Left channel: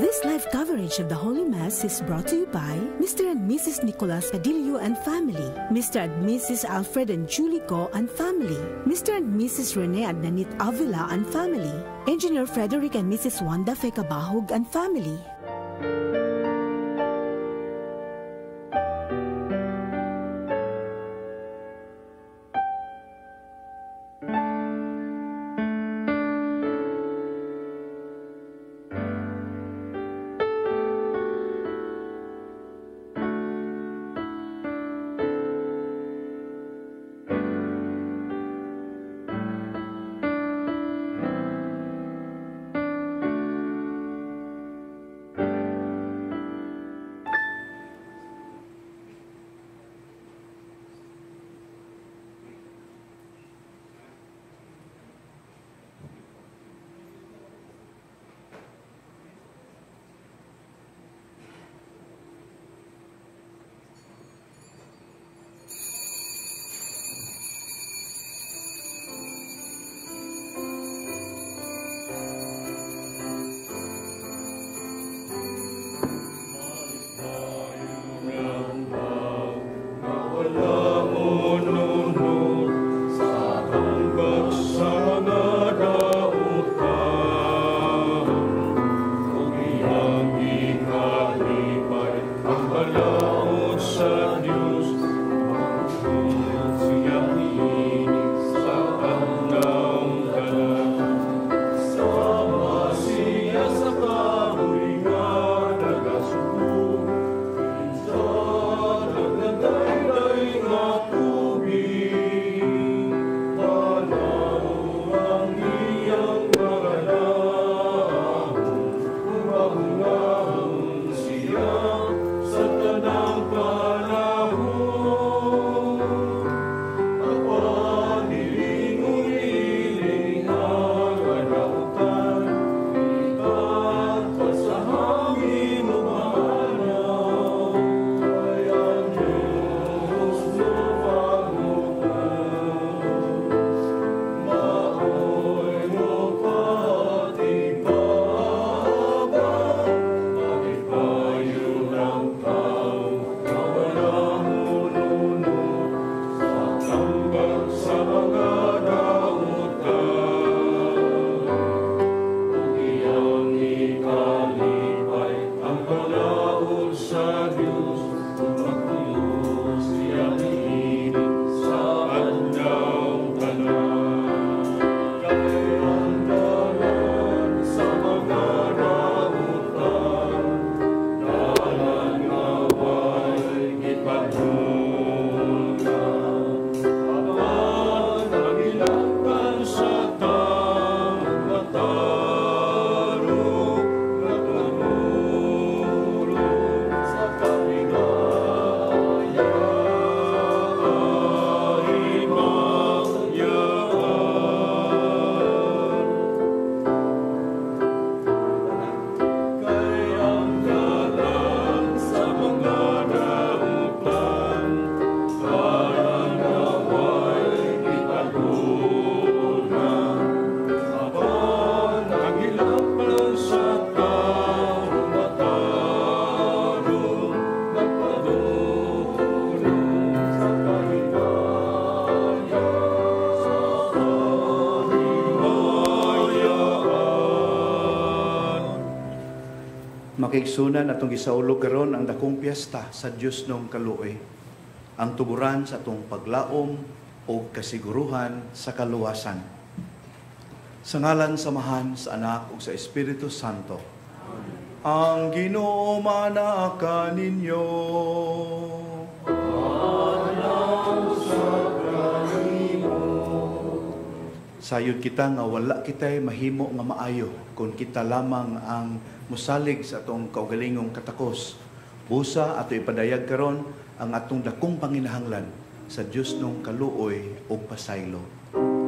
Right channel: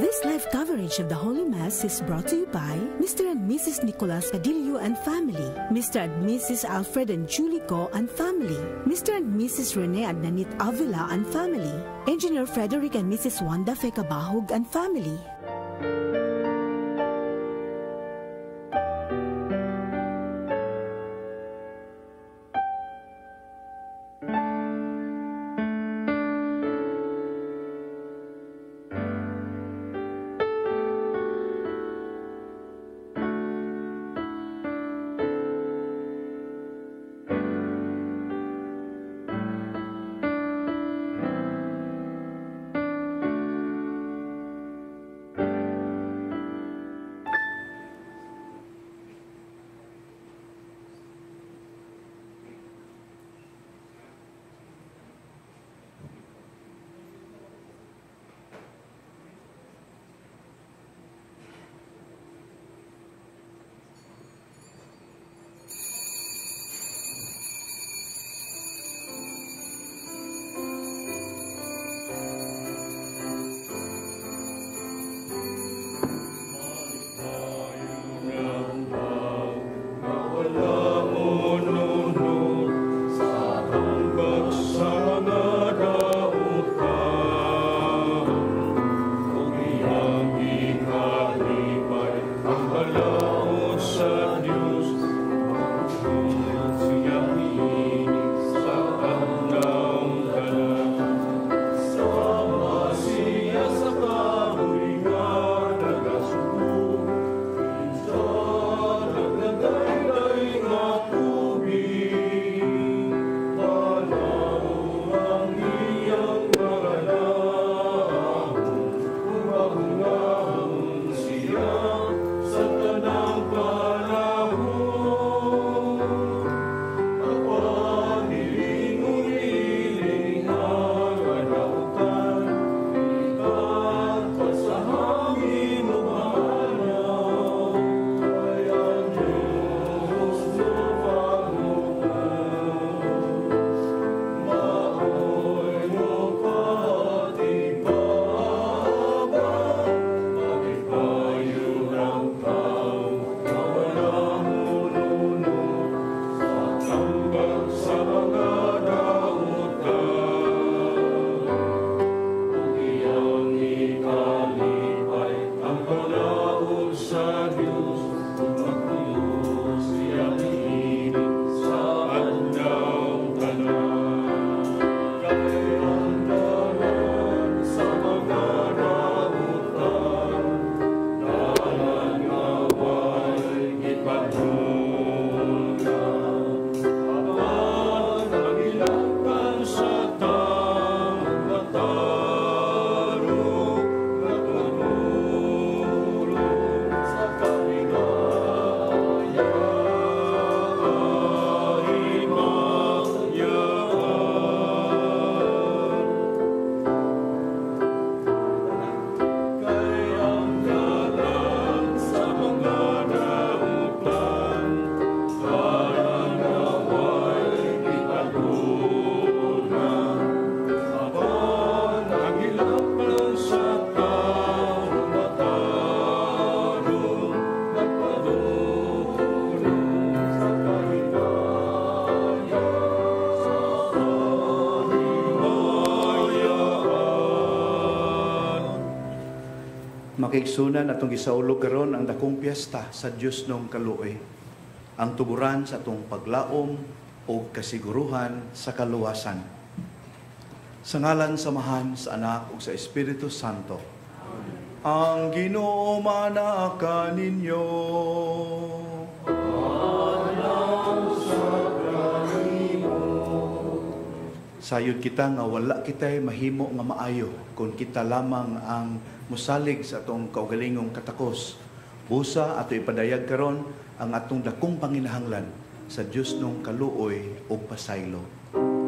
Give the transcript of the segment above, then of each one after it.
This live coverage of the Holy Mass is brought to you by Mr. and Mrs. Nicolas Cadillo and family, Mr. and Mrs. Alfred and Julie Go and family, Mr. and Mrs. Rene and Nanit Avila and family, Engineer Frederick and Mrs. Wanda Fekabahog and family. Makiigsunan atong gisaulog karon ang dakong piyesta sa Dios nung kaluoy, ang tuburan sa atong paglaom o kasiguruhan sa kaluwasan. Sa ngalan samahan sa Anak ug sa Espiritu Santo. Amen. Ang Ginoo manaka ninyo. Sayod kita nga wala kita'y mahimo nga maayo kung kita lamang ang musalig sa atong kaugalingong katakos. Busa ato ipadayag karon ang atong dakong panginahanglan sa Dios nung kaluoy o pasaylo. Oh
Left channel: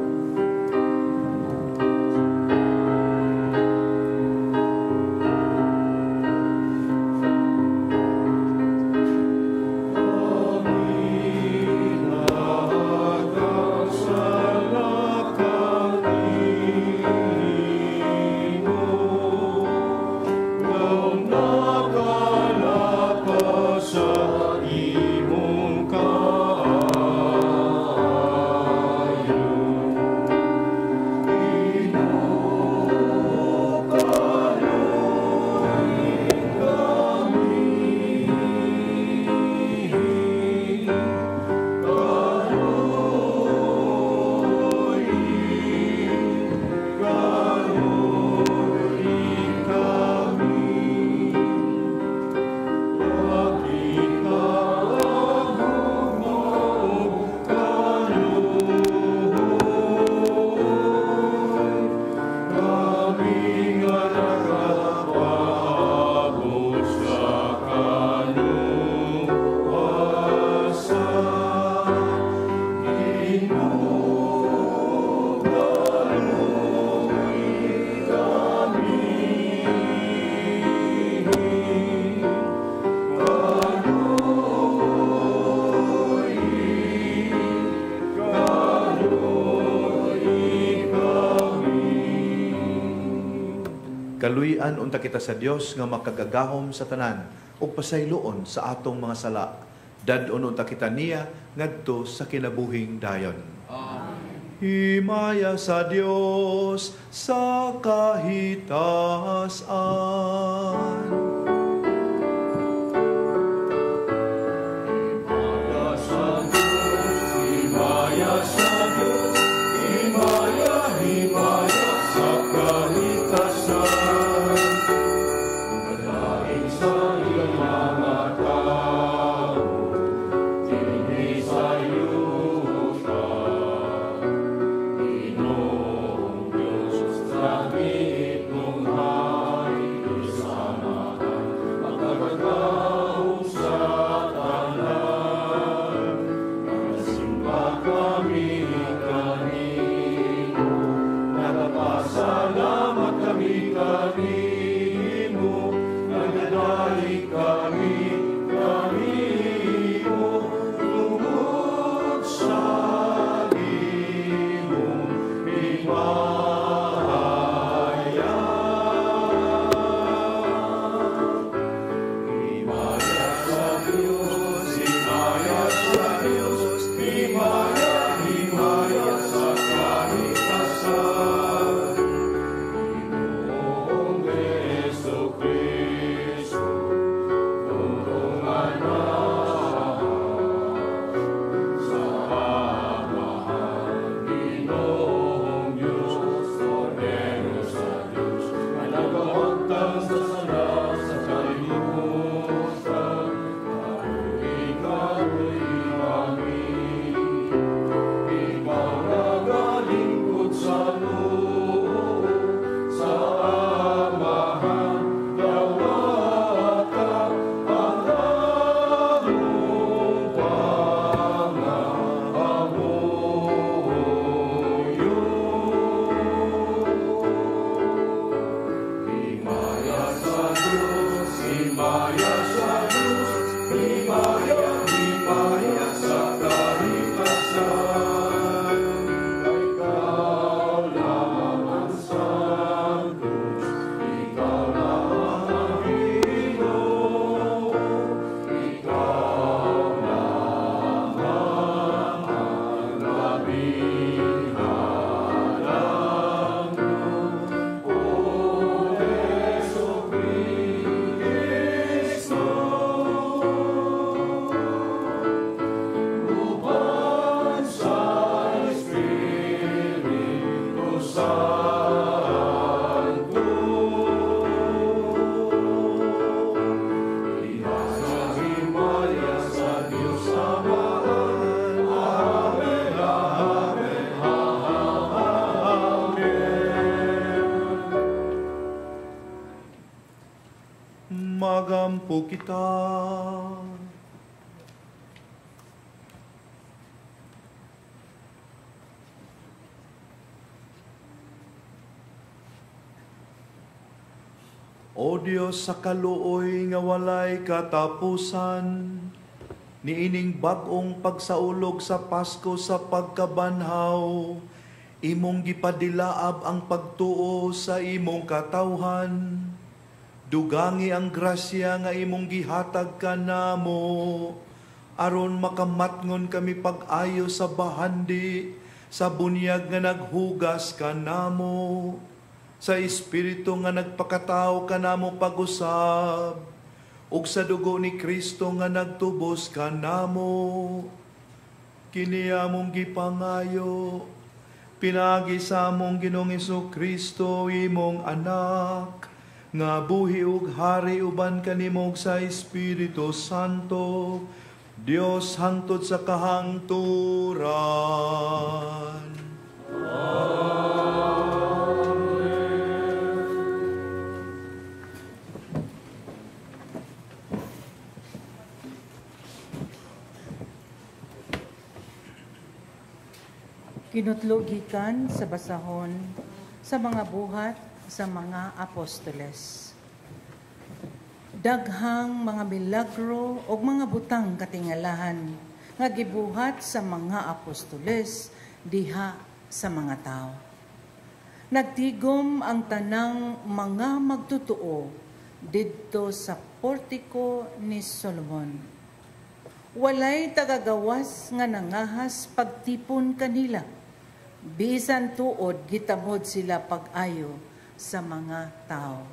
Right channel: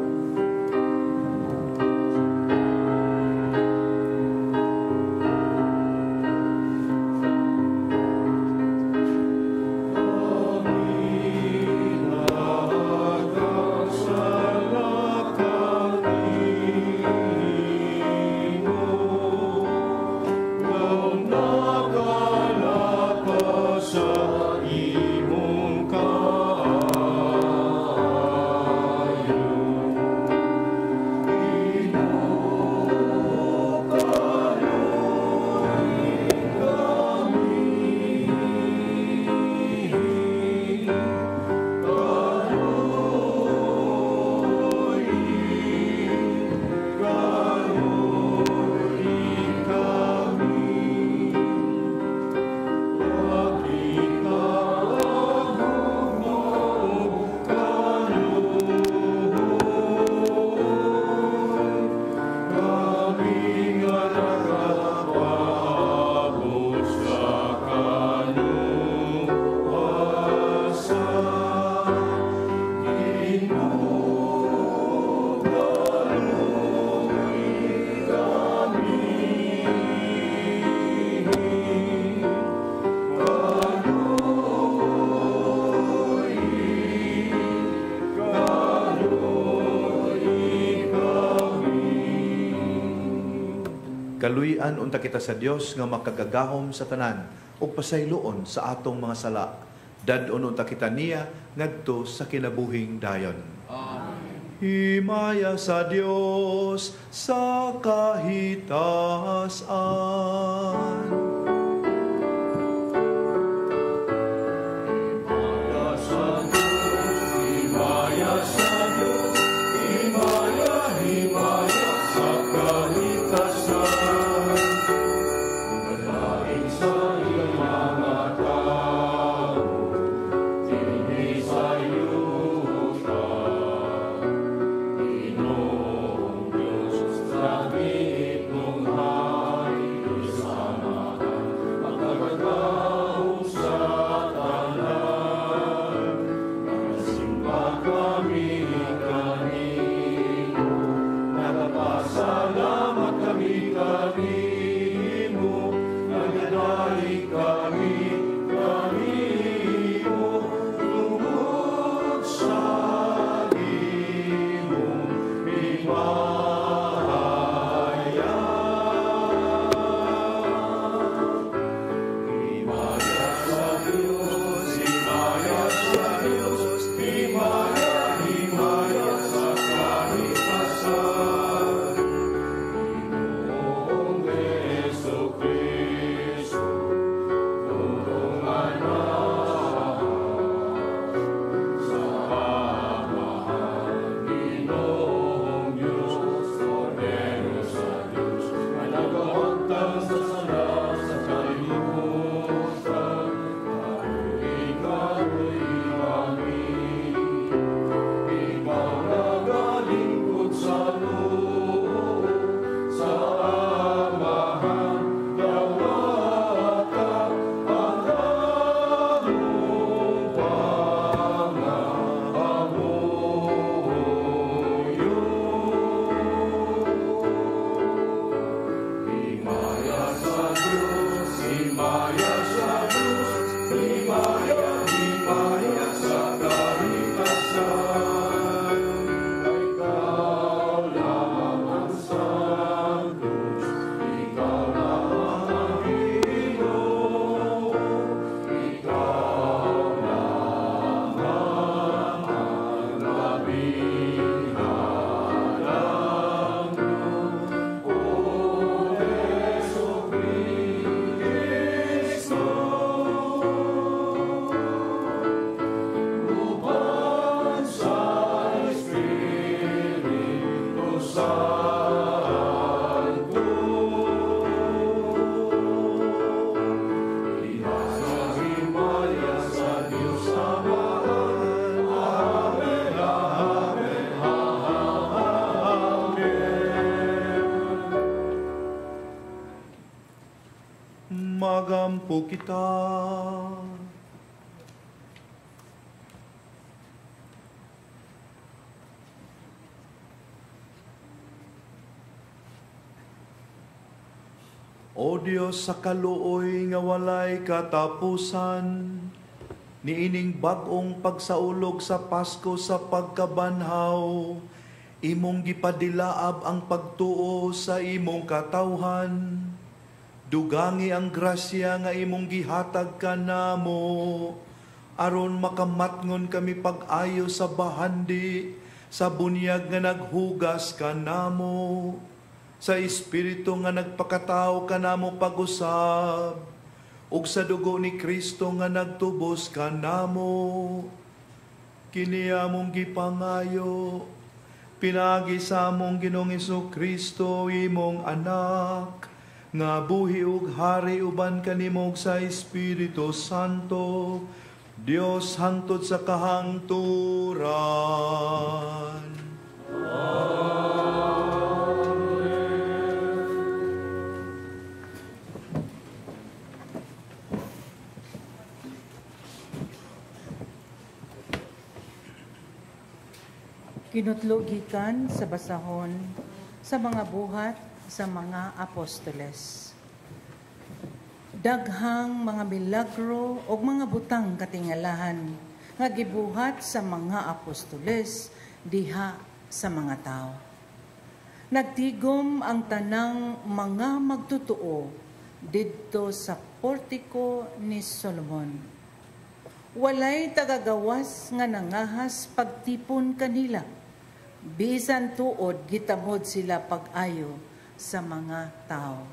Kaluyan unta kita sa Dios nga makagagahom sa tanan ug pasayloon sa atong mga sala. Dadon unta kita niya ngadto sa kinabuhing dayon. Amen. Himaya sa Dios sa kahitasan. Magampo kita. O Dios sa kaluoy nga walay katapusan, niining bag-ong pagsaulog sa Pasko sa pagkabanhaw, imong gipadilaab ang pagtuo sa imong katawhan. Dugangi ang grasya nga imong gihatag kanamo, aron makamatngon kami pag-ayo sa bahandi, sa bunyag nga naghugas kanamo, sa Espiritu nga nagpakatao kanamo pag-usab, ug sa dugo ni Kristo nga nagtubos kanamo. Kini among gipangayo, pinagi sa among Ginoong Kristo imong anak, nga buhi ug hari uban kanimog sa Espiritu Santo, Dios hangtod sa kahangturan. Kinutlogikan sa basahon sa mga buhat sa mga apostoles. Daghang mga milagro o mga butang katingalahan nga gibuhat sa mga apostoles diha sa mga tao. nagtigom ang tanang mga magtutuo didto sa portiko ni Solomon. Walay tagagawas nga nangahas pagtipon kanila, bisan tuod gitamod sila pag-ayo sa mga tao.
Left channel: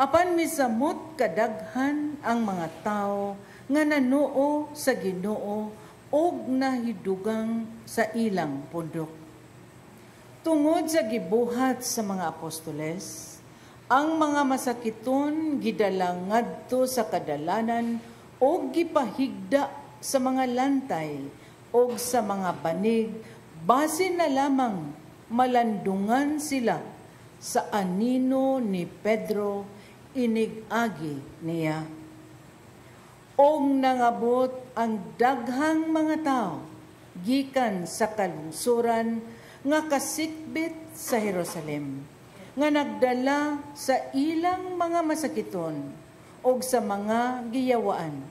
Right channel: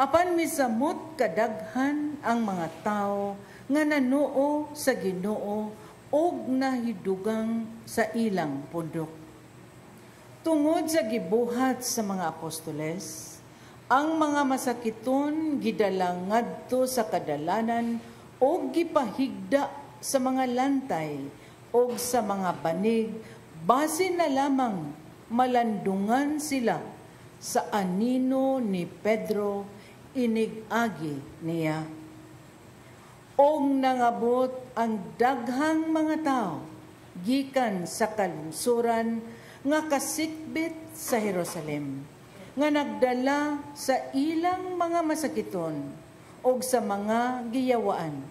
Apan misamot kadaghan ang mga tao nga nanuo sa Ginoo og nahidugang sa ilang pundok. Tungod sa gibuhat sa mga apostoles, ang mga masakiton gidala ngadto sa kadalanan o gipahigda sa mga lantay o sa mga banig, base na lamang malandungan sila sa anino ni Pedro inigagi niya. Og nangabot ang daghang mga tao gikan sa kalungsuran nga kasikbit sa Jerusalem, nga nagdala sa ilang mga masakiton og sa mga giyawaan,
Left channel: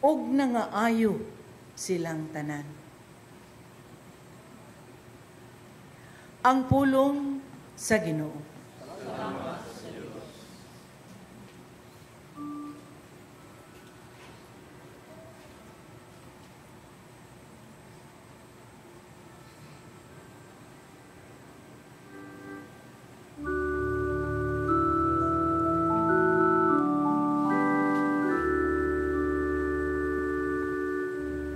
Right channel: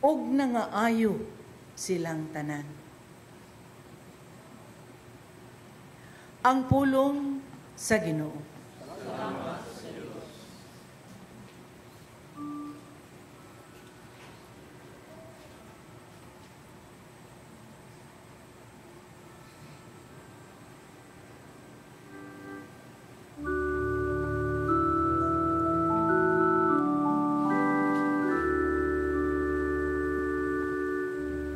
og nangaayo silang tanan. Ang pulong sa Ginoo.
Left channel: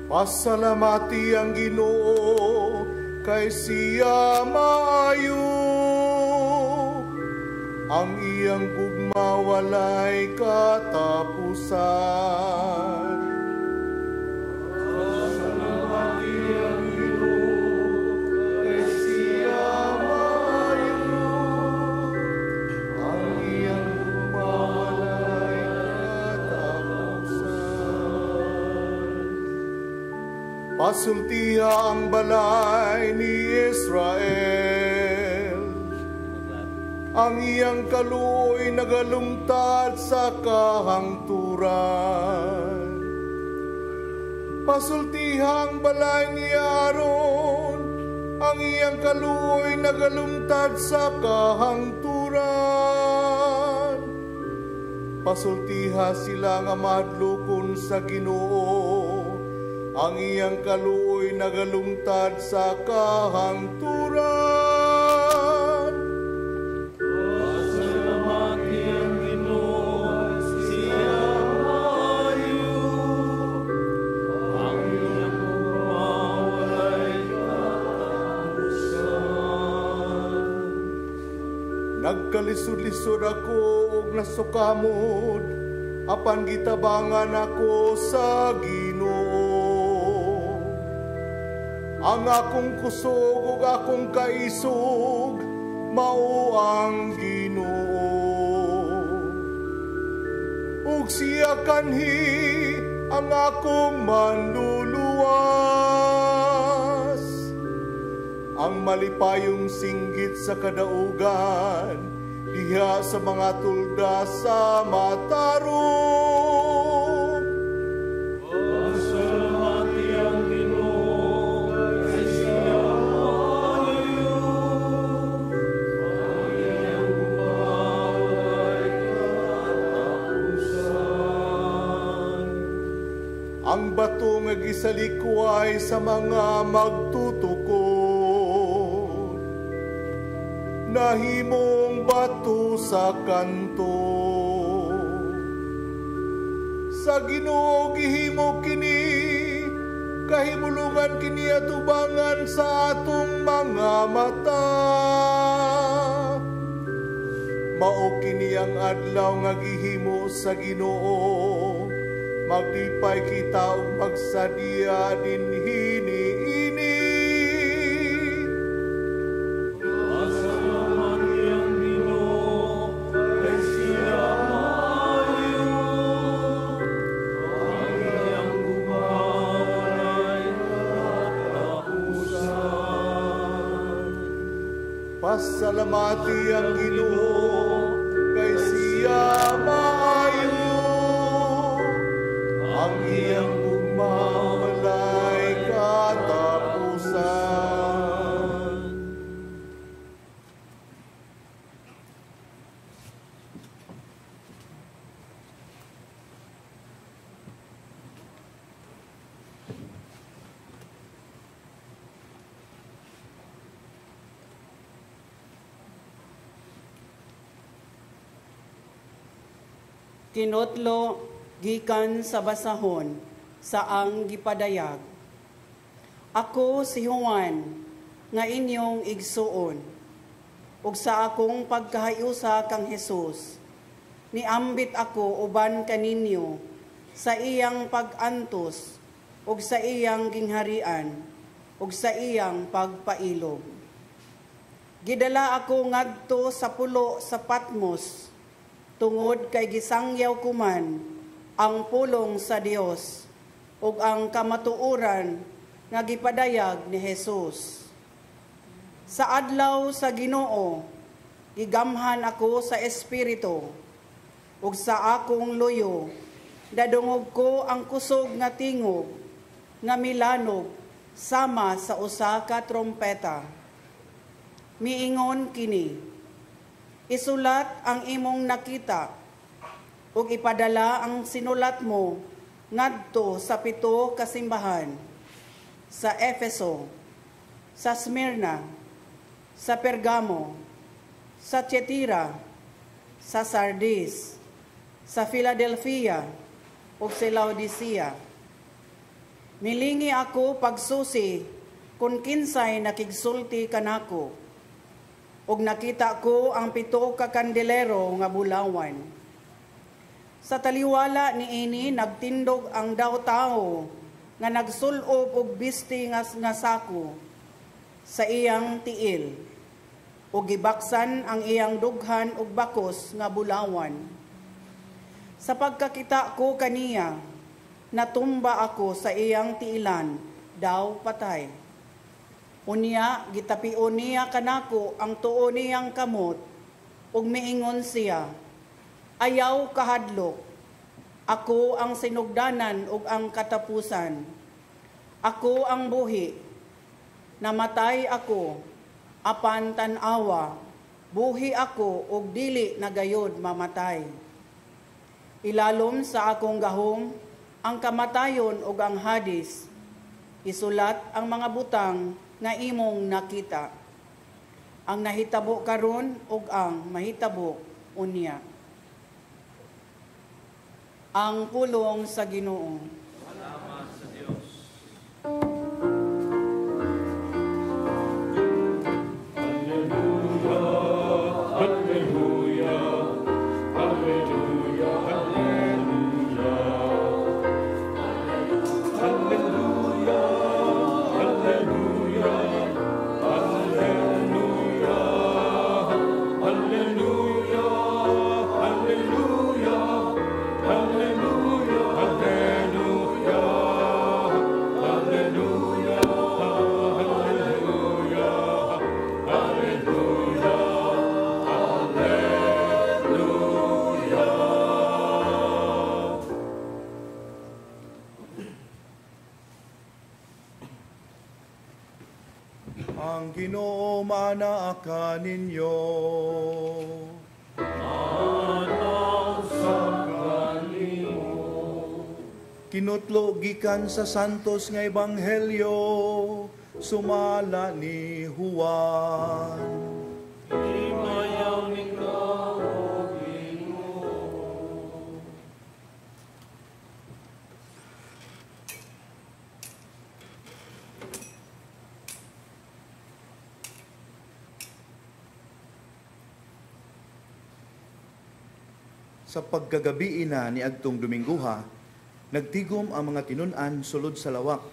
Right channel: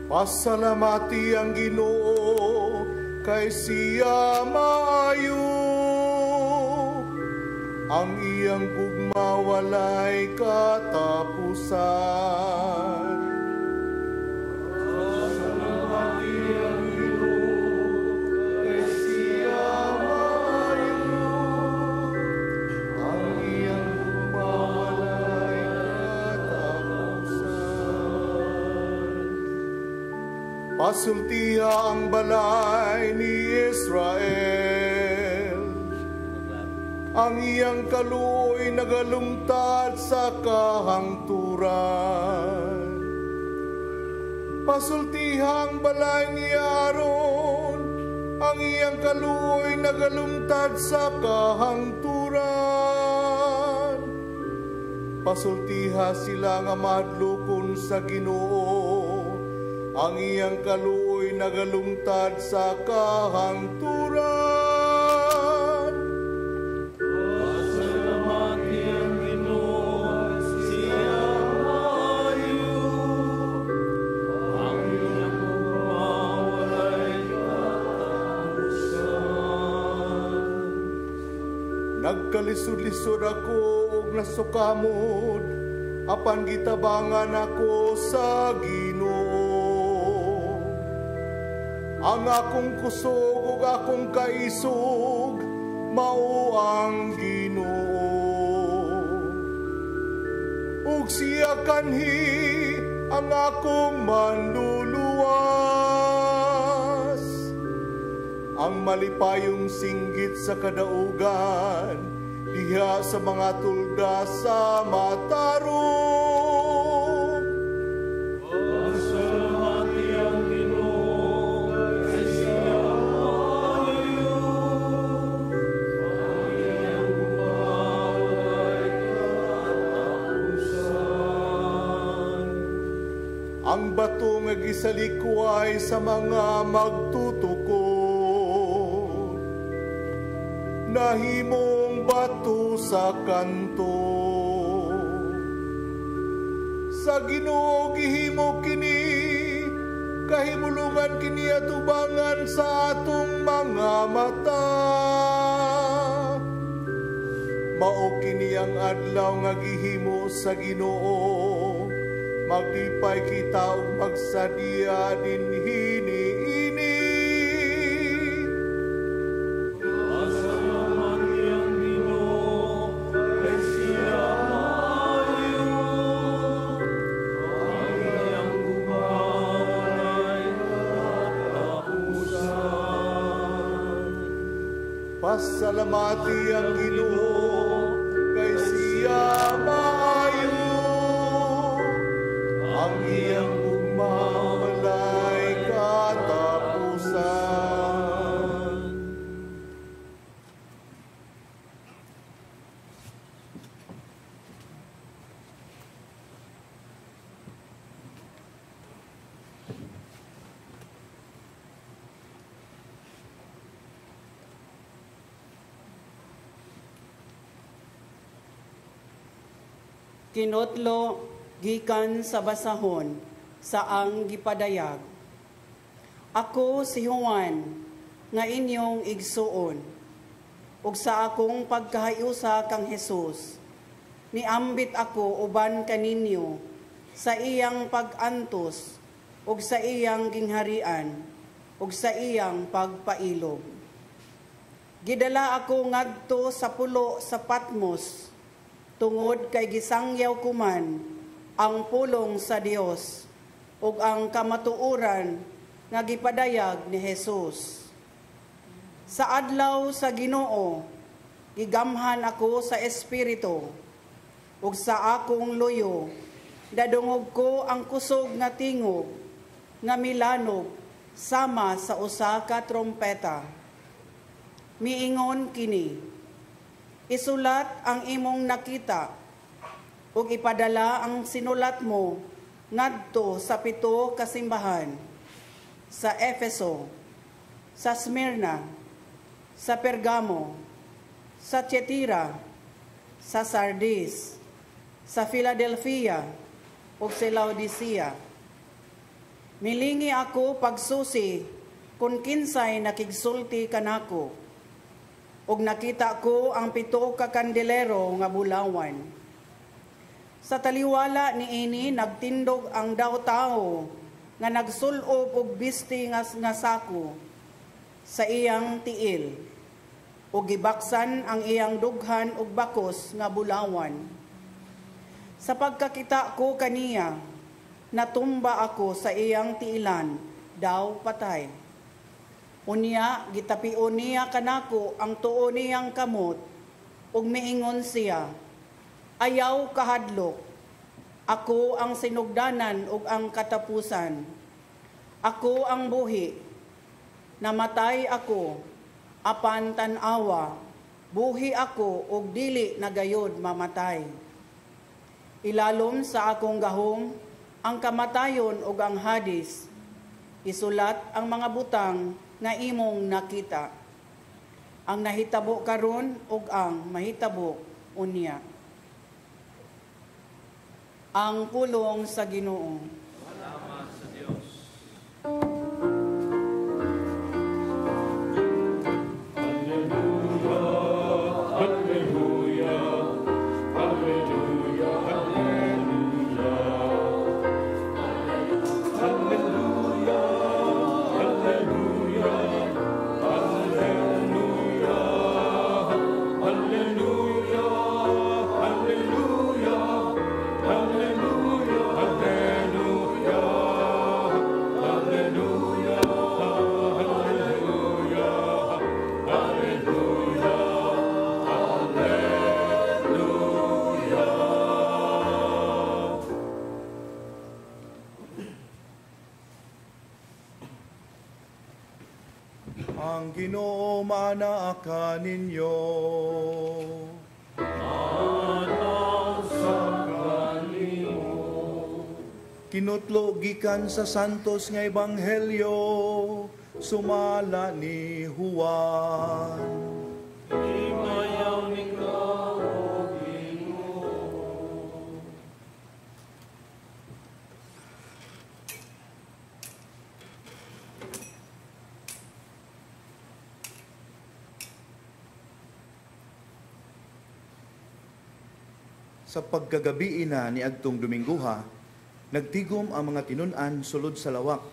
Pasalamati ang Ginoo kay siya maayo, ang iyang gugma walay katapusan. Pasalamati ang Ginoo kay siya maayo, ang iyang gugma walay katapusan. Pasultiha ang balay ni Israel, ang iyang kaluoy nagalungtad sa kahangturan. Pasultiha ang balay ni Aaron, ang iyang kaluoy nagalungtad sa kahangturan. Pasultiha sila nga mahadlokon sa Ginoo, ang iyang kaluoy nagalungtad sa kahangturan. Pasalamati ang Ginoo, siya maayo, ang iyang gugma walay katapusan. Nagkalisod-lisod ako og nasukamod, apan gitabangan ako sa Ginoo. Ang akong kusog ug akong kaisog, mao ang Ginoo. Ug siya kanhi ang akong manluluwas, ang malipayong singgit sa kadaugan, diha sa mga tulga sa matarong. Pasalamati ang Ginoo kay siya maayo, ang iyang gugma walay katapusan. Ang bato nga gisalikway sa mga magtutukod, nahimong bato sa kanto. Sa Ginoo gihimo kini, kahimulungan kini atubangan sa atong mga mata. Mao kini ang adlaw nga gihimo sa Ginoo, maglipay kita ug magsadya dinhi niini. Pasalamati ang Ginoo kay siya maayo, ang iyang gugma walay katapusan. Kinotlo gikan sa basahon saang gipadayag. Ako si Juan nga inyong igsuon, ug sa akong pagkahayusa kang Hesus, niambit ako uban kaninyo sa iyang pag-antos ug sa iyang gingharian ug sa iyang pagpailog. Gidala ako ngadto sa pulo sa Patmos tungod kay gisangyaw ko man ang pulong sa Dios ug ang kamatuoran nga gipadayag ni Jesus. Sa adlaw sa Ginoo, igamhan ako sa Espiritu, ug sa akong luyo, dadungog ko ang kusog nga tingog, nga milanog, sama sa usa ka trompeta. Miingon kini, isulat ang imong nakita, ug ipadala ang sinulat mo ngadto sa 7 ka simbahan, sa Efeso, sa Smyrna, sa Pergamo, sa Tiatira, sa Sardis, sa Philadelphia, ug sa Laodicea. Milingi ako pagsusi kung kinsay nakigsulti kanako, ug nakita ko ang 7 ka kandelero nga bulawan. Sa taliwala niini nagtindog ang daw tao nga nagsulob og bisti nga sako sa iyang tiil, ug gibaksan ang iyang dughan ug bakos nga bulawan. Sa pagkakita ko kaniya, natumba ako sa iyang tiilan, daw patay. Unya gitapion niya kanako ang tuo niyang kamot, ug miingon siya, ayaw kahadlok, ako ang sinugdanan ug ang katapusan. Ako ang buhi, namatay ako, apan tan-awa, buhi ako ug dili na gayud mamatay. Ilalom sa akong gahom ang kamatayon ug ang Hadis, isulat ang mga butang nga imong nakita, ang nahitabo karon ug ang mahitabo unya. Ang pulong sa Ginoo. Salamat sa Dios. Ang Ginoo manaa ninyo. Kinutlo gikan sa santos nga ebanghelyo sumala ni Juan. Sa pagkagabi na ni agtong Dominguha, nagtigom ang mga tinun-an sulod sa lawak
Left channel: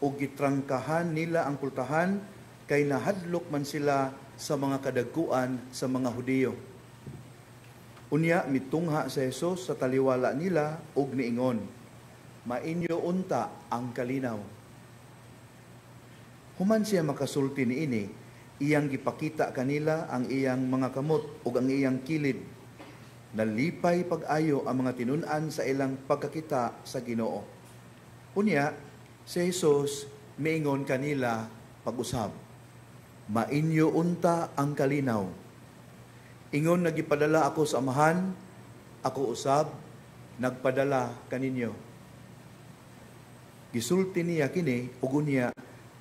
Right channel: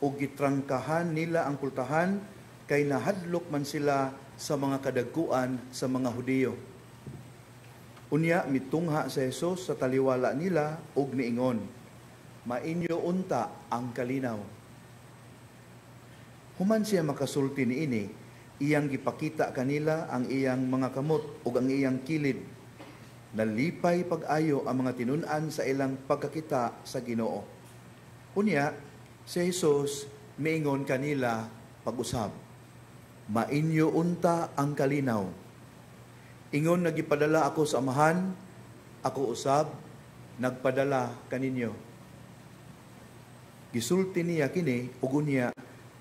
o gitrangkahan nila ang pultahan kay nahadlok man sila sa mga kadagkuan sa mga Hudiyo. Unya mitungha sa Hesus sa taliwala nila ug niingon, mainyo unta ang kalinaw. Human siya makasulti niini, iyang gipakita kanila ang iyang mga kamot ug ang iyang kilid. Nalipay pag-ayo ang mga tinun-an sa ilang pagkakita sa Ginoo. Unya, si Jesus miingon kanila pag-usab, mainyo unta ang kalinaw. Ingon nagipadala ako sa amahan, ako usab nagpadala kaninyo. Gisulti niya kini ug unya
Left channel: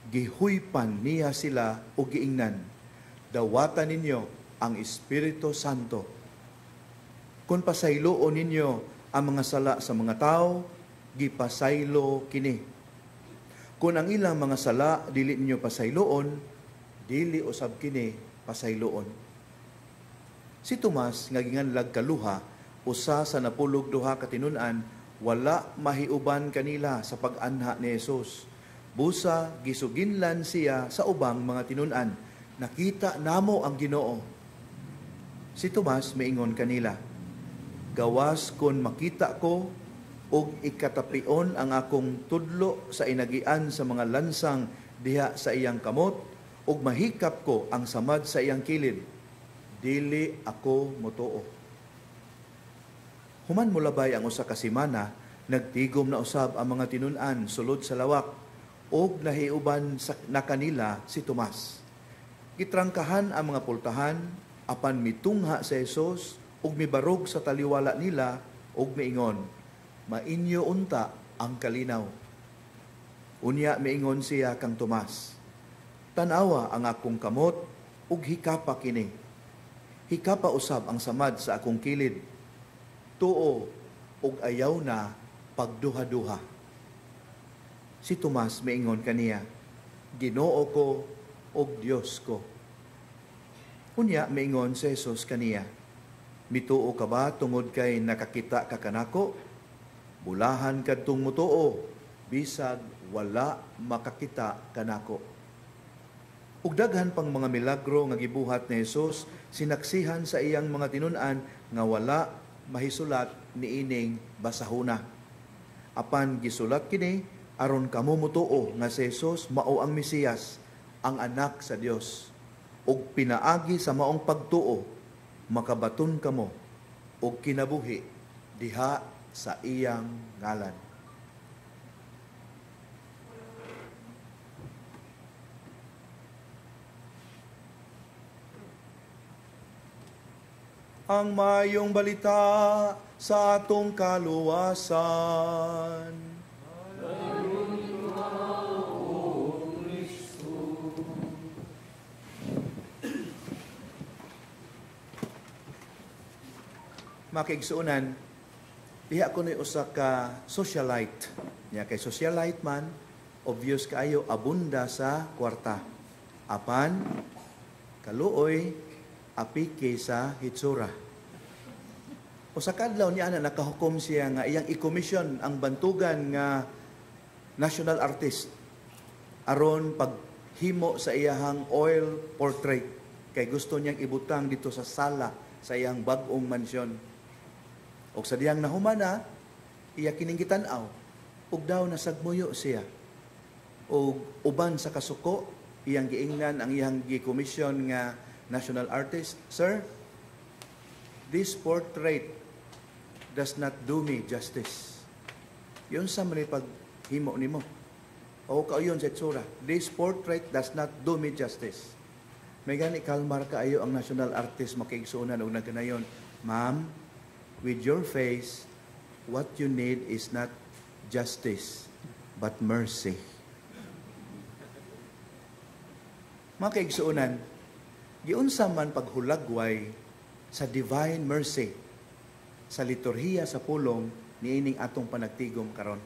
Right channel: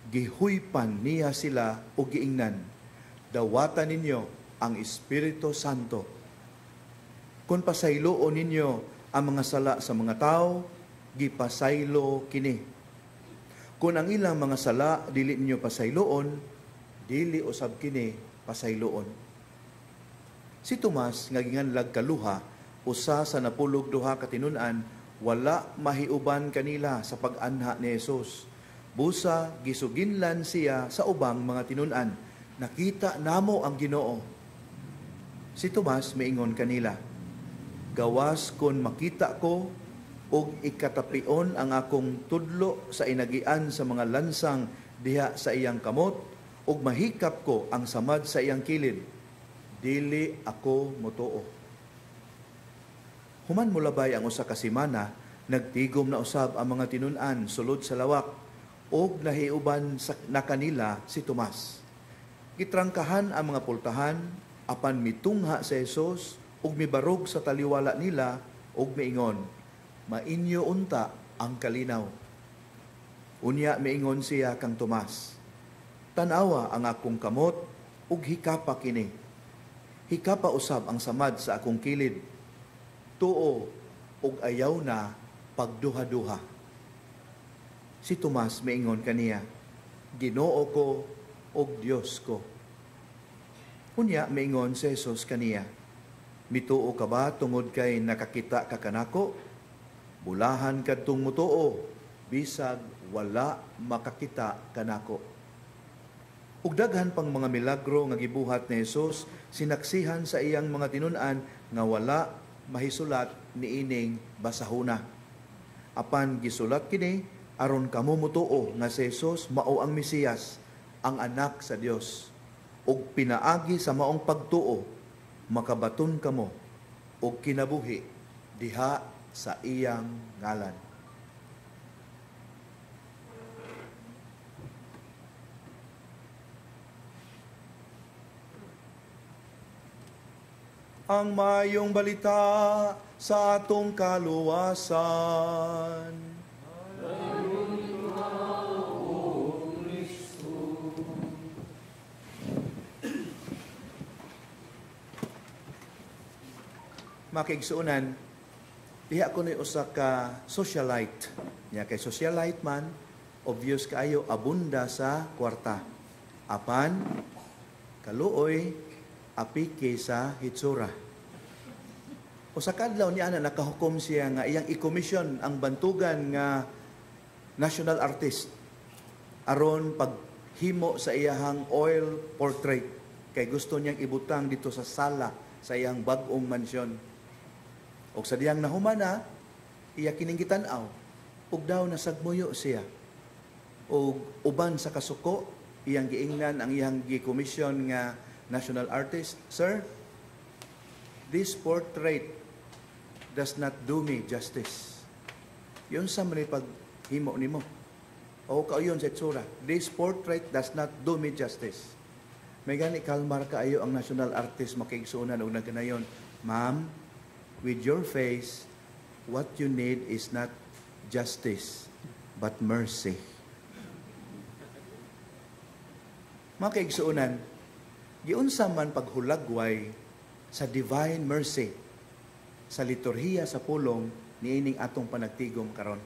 gihuypan niya sila ug giingnan, dawatan ninyo ang Espiritu Santo. Kung pasayloon ninyo ang mga sala sa mga tao, gipasaylo kini. Kung ang ilang mga sala dili ninyo pasayloon, dili usab kini pasayloon. Si Tomas nga ginganlag kaluha, usa sa napulog duha ka tinun-an, wala mahiuban kanila sa pag-anha ni Jesus. Busa gisuginlan siya sa ubang mga tinun-an, nakita namo ang Ginoo. Si Tomas miingon kanila, gawas kon makita ko og ikatapion ang akong tudlo sa inagian sa mga lansang diha sa iyang kamot, ug mahikap ko ang samad sa iyang kilid, dili ako motuo. Human mulabay ang usa ka semana, nagtigom na usab ang mga tinun-an sulod sa lawak, og nahiuban na kanila si Tomas. Gitrangkahan ang mga pultahan, apan mitungha sa Jesus, ug mibarog sa taliwala nila, ug miingon, mainyo unta ang kalinaw. Unya miingon siya kang Tomas, tanawa ang akong kamot, ug hikapa kini. Hikapa usab ang samad sa akong kilid, tuo ug ayaw na pagduha-duha. Si Tomas miingon kaniya, Ginoo ko ug Dios ko. Unya miingon si Jesus kaniya, mituo ka ba tungod kay nakakita ka kanako? Bulahan kadtong mutuo, bisag wala makakita kanako. Ug daghan pang mga milagro nga gibuhat ni Jesus, sinaksihan sa iyang mga tinun-an nga wala mahisulat niining basahona. Apan gisulat kini aron kamo mutuo nga si Jesus mao ang Mesiyas, ang anak sa Dios. Ug pinaagi sa maong pagtuo, makabaton kamo ug kinabuhi diha sa iyang ngalan. Ang mayong balita sa atong kaluwasan. Makiigsuunan, diha ko na usa ka socialite. Nya kay socialite man, obvious kaayo abunda sa kwarta. Apan, kaluoy, apike sa hitsura. O sa kadlaw niya na nakahukom siya nga iyang i-commission ang bantugan nga national artist aron paghimo sa iyahang oil portrait kay gusto niyang ibutang dito sa sala sa iyang bag-ong mansyon. O sa diyang nahumana, iya kining gitanaw, ug daw nasagmuyo siya. O uban sa kasuko, iyang giingnan ang iyang gi-commission nga national artist, Sir, this portrait does not do me justice. Yung sa mga paghimo nimo. O kauyon sa itsura, this portrait does not do me justice. May gani kalmar kaayo ang national artist makiigsuunan og nagkanayon, ma'am, with your face, what you need is not justice, but mercy. Makiigsuunan, giunsa man paghulagway sa divine mercy sa liturhiya sa pulong niining atong panagtigom karon.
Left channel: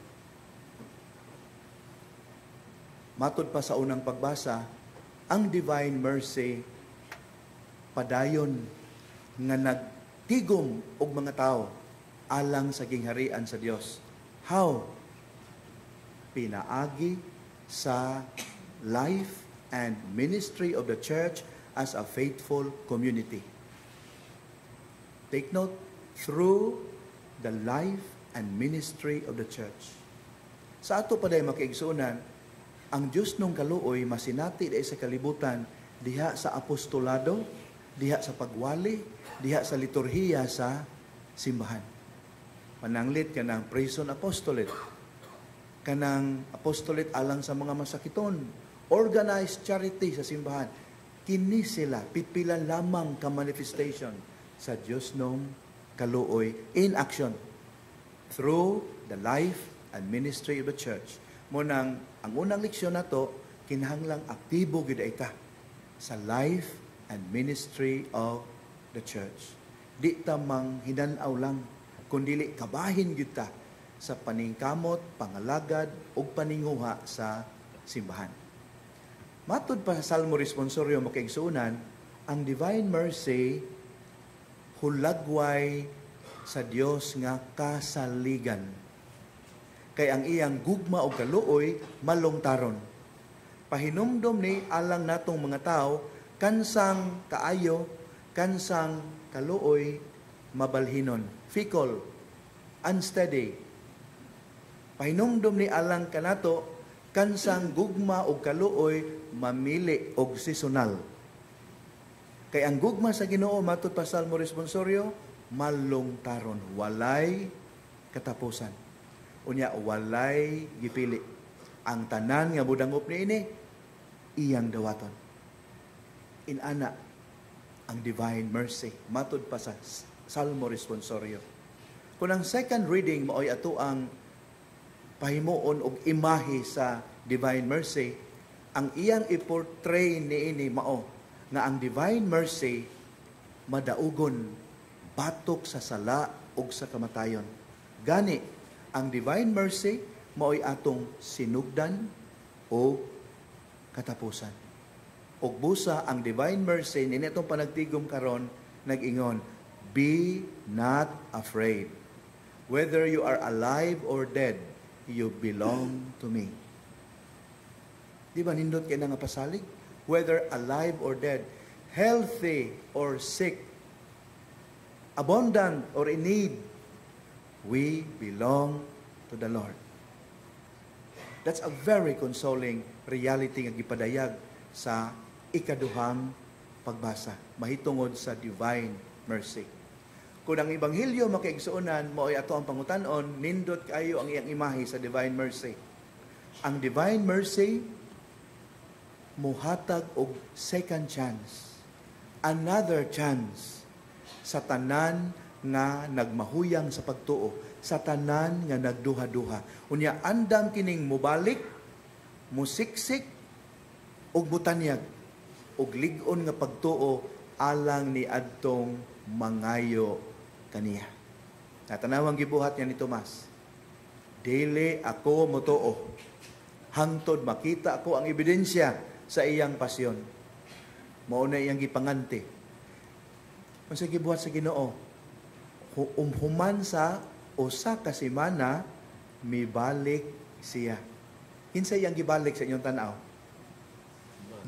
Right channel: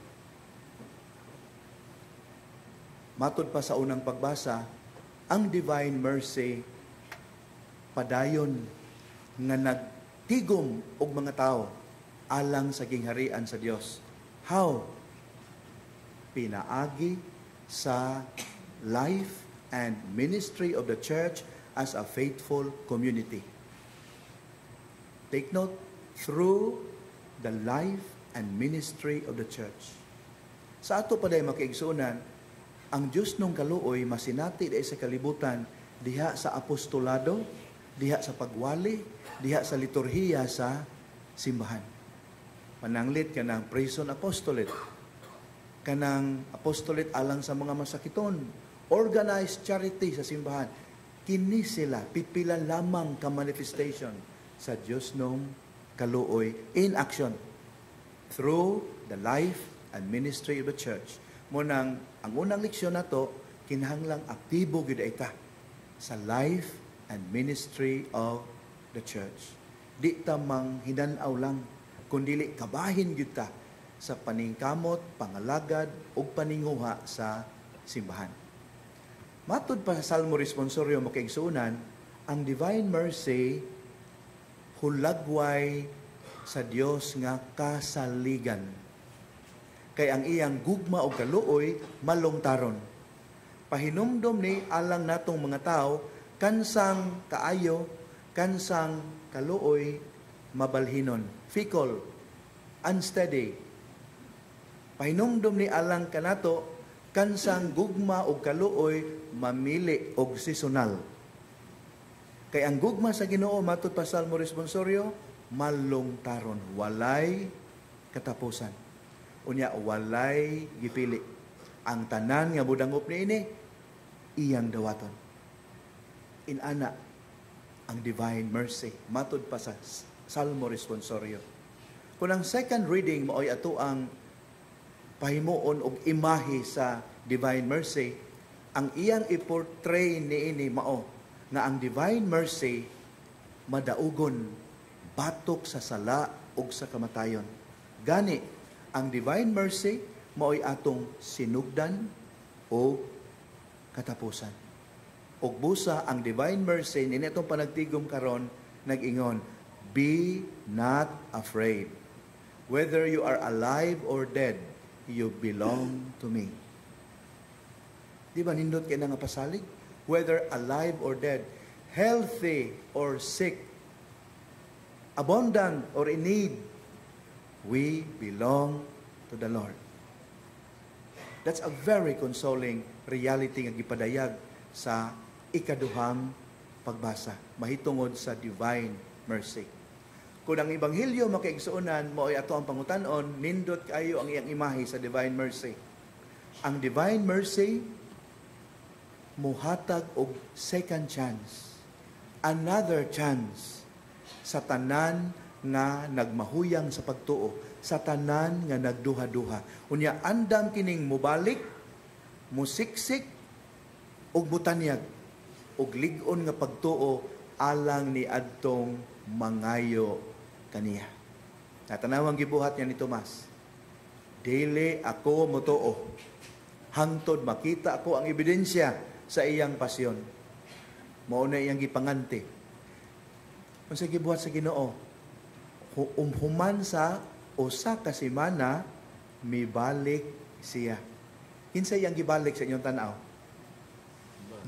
Matod pa sa unang pagbasa, ang divine mercy padayon nga nagtigom og mga tao alang sa gingharian sa Dios. How? Pinaagi sa life and ministry of the church as a faithful community. Take note, through the life and ministry of the church. Sa ato pa dahil makiigsunan, ang Diyos nung kaluoy masinati dahil sa kalibutan diha sa apostolado, diha sa pagwali, diha sa liturhiya sa simbahan. Pananglit ka ng prison apostolate, kanang apostolate alang sa mga masakiton, organized charity sa simbahan. Kini sila, pipilan lamang ka manifestation sa Diyos nung kaluoy in action through the life and ministry of the church. Munang, ang unang leksyon na to, kinahanglang aktibo gid ita sa life and ministry of the church. Di tamang hinanaw lang, kundili kabahin gyud ta sa paningkamot, pangalagad ug paninguha sa simbahan. Matud pa sa Salmo Responsorio makaigsunan, ang divine mercy hulagway sa Dios nga kasaligan. Kay ang iyang gugma o kaluoy malungtaron. Pahinumdom ni alang natong mga tao kansang kaayo, kansang kaluoy mabalhinon, fickle, unsteady. Pahinumdom ni alang kanato kansang gugma o kaluoy mamili og seasonal. Kay ang gugma sa Ginoo matud pa Salmo Responsorio malungtaron, walay katapusan. Unya walay gipili. Ang tanan nga budangop niini iyang dawaton. Inana ang divine mercy matud pa sa Salmo Responsorio. Kung ang second reading mo ay ato ang pahimuon og imahe sa divine mercy, ang iyang i-portray niini mao nga ang divine mercy madaugon batok sa sala ug sa kamatayon. Gani ang divine mercy mao'y atong sinugdan o katapusan. Ug busa ang divine mercy nini atong panagtigom karon nag-ingon, be not afraid. Whether you are alive or dead, you belong to me. Di ba nindot kay nga pasalig? Whether alive or dead, healthy or sick, abundant or in need, we belong to the Lord. That's a very consoling reality nga gipadayag sa ikaduhang pagbasa, mahitungod sa divine mercy. Kung ang Ebanghelyo makaigsuonan mo ay ato ang pangutanon, nindot kayo ang iyang imahe sa divine mercy. Ang divine mercy muhatag og second chance, another chance sa tanan nga nagmahuyang sa pagtuo, sa tanan nga nagduha-duha. Unya andam kining mubalik, musiksik og butanyag og lig-on nga pagtuo alang ni adtong mangayo kaniya. Natanawang gibuhat niya ni Tomas, dili ako motuo hangtod makita ako ang ebidensya sa iyang pasyon. Mao na iyang gipanganti. Kung sa gibuhat sa Ginoo, human sa usa ka semana mibalik siya. Kinsa iyang gibalik sa inyong tanaw?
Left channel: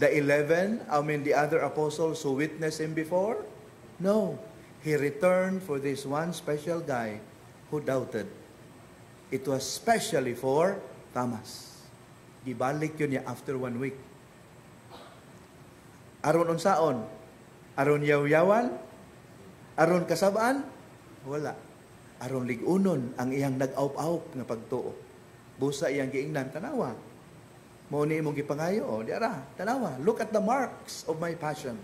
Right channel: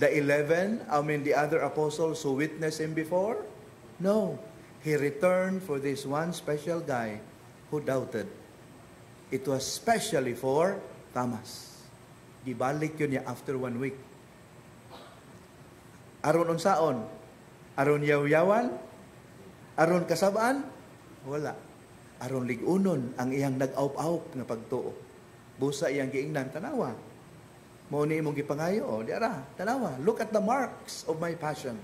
The 11, the other apostles who witnessed him before? No. He returned for this one special guy who doubted. It was specially for Thomas. Gibalik yun niya after 1 week. Aron unsaon? Aron yaw-yawan? Aron kasabaan? Wala. Aron ligunon ang iyang nag-aup-aup nga pagtuo. Busa iyang giingnan, tanawa. Mao ni imong gipangayo, o diara, tanawa. Look at the marks of my passion.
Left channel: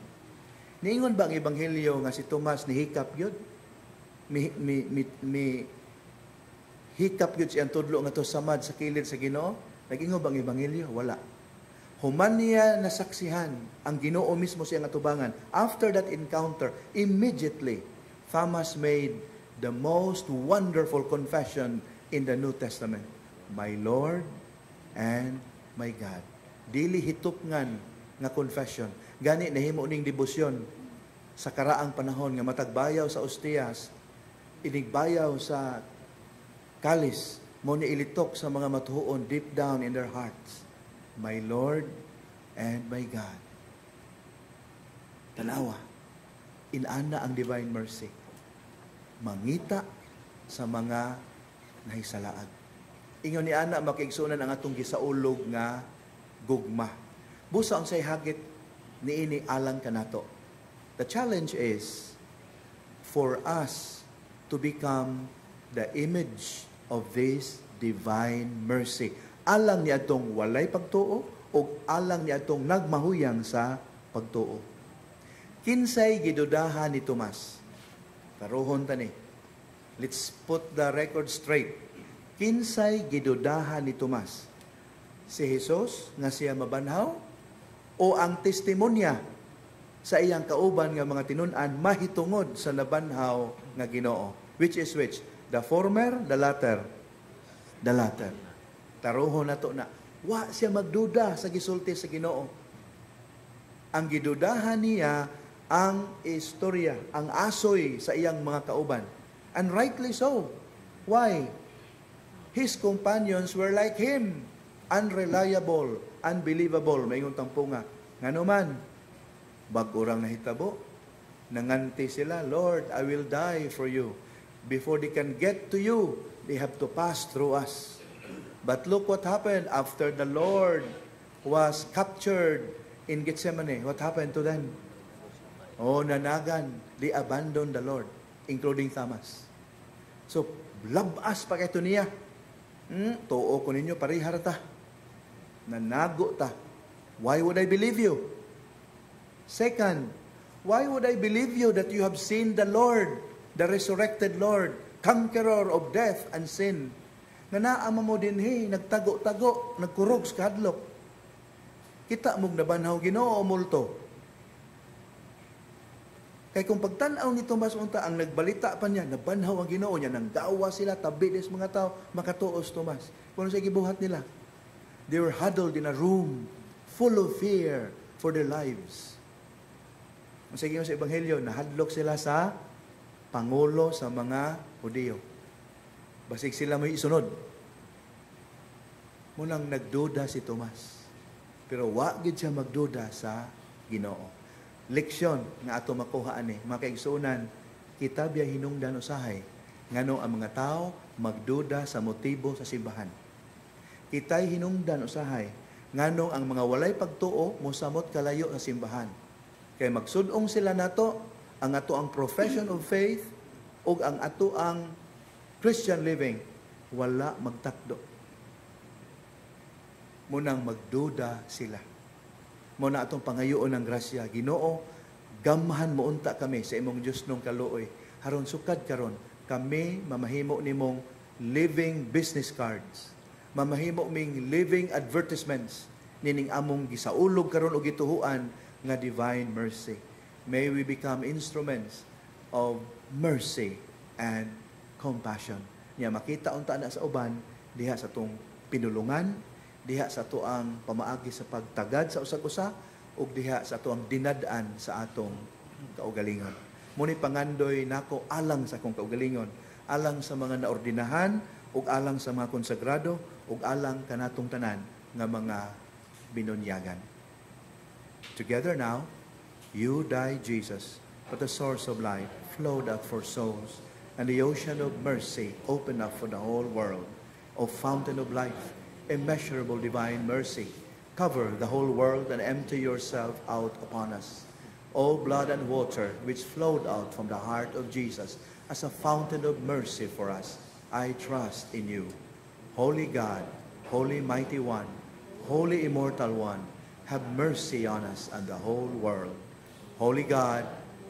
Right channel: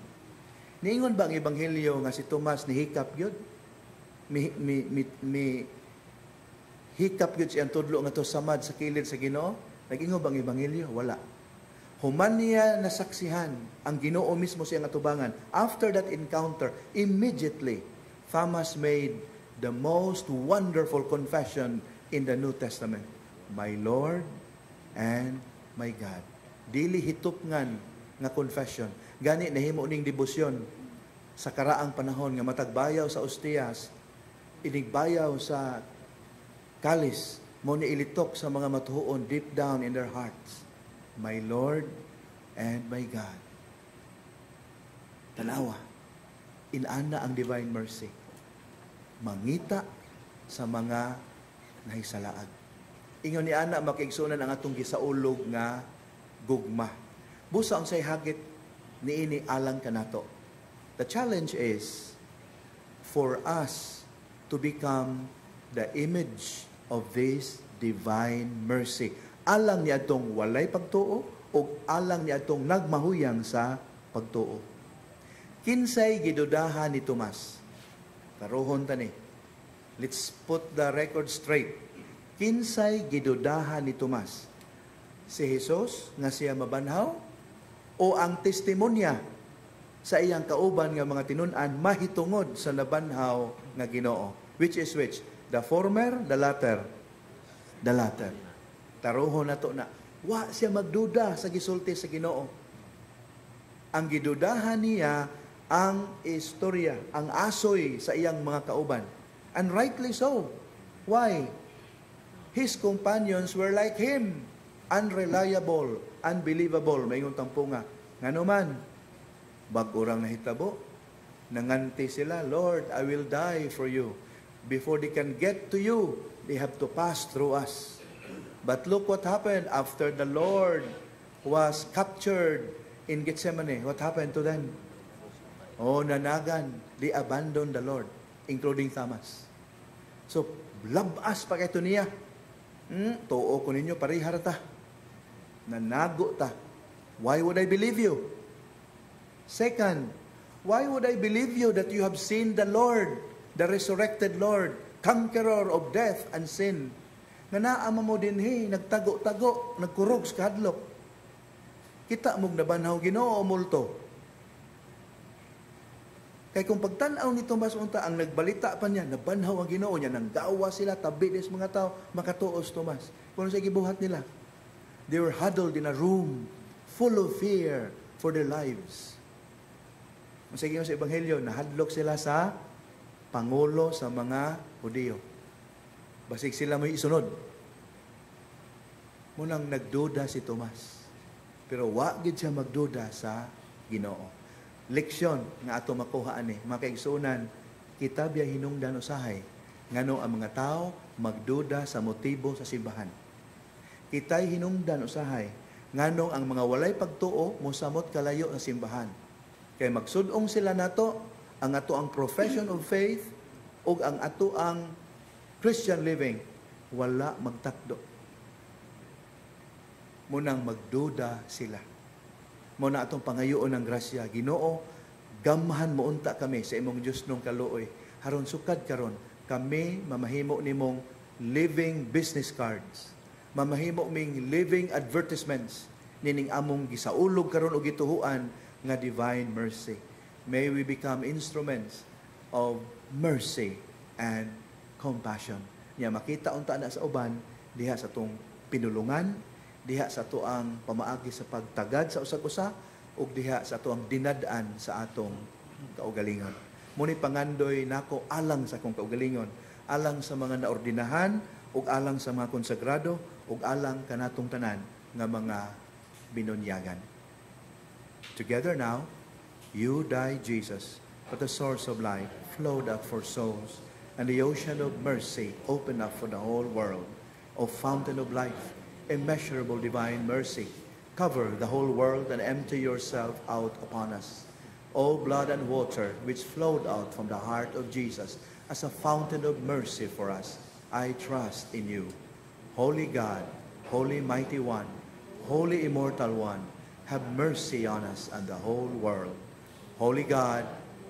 Niingon ba ang Ebanghelyo nga si Tomas ni hikap yun? Hikap yun siyang tudlo nga to samad sa kilid sa Ginoo? Nag-ingon ba ang Ebanghelyo? Wala. Human niya nasaksihan ang Ginoo mismo siyang atubangan. After that encounter, immediately, Thomas made the most wonderful confession in the New Testament. My Lord and my God. Dili hitupngan nga confession. Gani nahimo ning debosyon sa karaang panahon nga matagbayaw sa ostiyas, inigbayaw sa kalis, mo ni ilitok sa mga matuhuon deep down in their hearts. My Lord and my God. Tanawa, inana ang divine mercy. Mangita sa mga nahisalaag. Ingon ni ana makiigsunan ang atong gisaulog nga gugma. Busa ang say hagit niini alang kanato. The challenge is for us to become the image of this divine mercy. Alang niya itong walay pagtuo o alang niya itong nagmahuyang sa pagtuo. Kinsay gidudahan ni Tomas. Karohon tani. Let's put the record straight. Kinsay gidudahan ni Tomas? Si Jesus nga siya mabanhaw o ang testimonya sa iyang kauban nga mga tinun-an mahitungod sa nabanhaw nga Ginoo? Which is which? The former, the latter. The latter. Taruhon na to na. Wa siya magduda sa gisulti sa Ginoo. Ang gidudahan niya ang istorya, ang asoy sa iyang mga kauban. And rightly so. Why? His companions were like him. Unreliable, unbelievable. Maingon tampunga. Ngano man, bag-urang nahitabo. Nanganti sila, Lord, I will die for you. Before they can get to you, they have to pass through us. But look what happened after the Lord was captured in Gethsemane. What happened to them? Oh, nanagan. They abandoned the Lord, including Thomas. So, labas pa kayo niya. Tuo ko ninyo, parihar ta. Nanago ta. Why would I believe you? Second, why would I believe you that you have seen the Lord, the resurrected Lord, conqueror of death and sin? Nga naama mo din, nagtago-tago, nagkurog sa kahadlok. Kita mong nabanhaw Ginoo o multo. Kaya kung pagtanaw ni Tomas unta, ang nagbalita pa niya, nabanhaw ang Ginoo niya, nang dawa sila, tabi des mga tao, makatuos Tomas. Kung sa gibuhat nila, they were huddled in a room full of fear for their lives. Sige sa Ebanghelyo, nahadlok sila sa Pangulo sa mga Hudiyo. Basig sila may isunod. Munang nagduda si Tomas. Pero wagid siya magduda sa Ginoo. Leksyon nga ato makuha ani, mga kaigsunan, kita biya hinungdan usahay ngano ang mga tao magduda sa motibo sa simbahan. Kita'y hinungdan usahay ngano ang mga walay pagtuo mosamot kalayo sa simbahan. Kay magsudong sila nato ang ato ang profession of faith ug ang ato ang Christian living wala magtakdo. Munang magduda sila. Muna atong pangayoon ng grasya, Ginoo, gamahan mo unta kami sa imong Dios nung kaluoy. Haron sukad karon kami mamahimo nimong living business cards. Mamahimo ming living advertisements nining among gisaulog karon og gituhuan nga divine mercy. May we become instruments of mercy and compassion. Nya makita unta na sa uban diha sa tong pinulungan, diha sa tuang pamaagi sa pagtagad sa usag-usa ug diha sa tuang dinad-an sa atong kaugalingon. Muni pangandoy nako alang sa akong kaugalingon, alang sa mga naordinahan ug alang sa mga konsagrado ug alang kanatong tanan nga mga binunyagan. Together now, you died, Jesus, but the source of life flowed up for souls, and the ocean of mercy opened up for the whole world. O fountain of life, immeasurable divine mercy, cover the whole world and empty yourself out upon us. O blood and water which flowed out from the heart of Jesus as a fountain of mercy for us, I trust in you. Holy God, Holy Mighty One, Holy Immortal One, have mercy on us and the whole world. Holy God,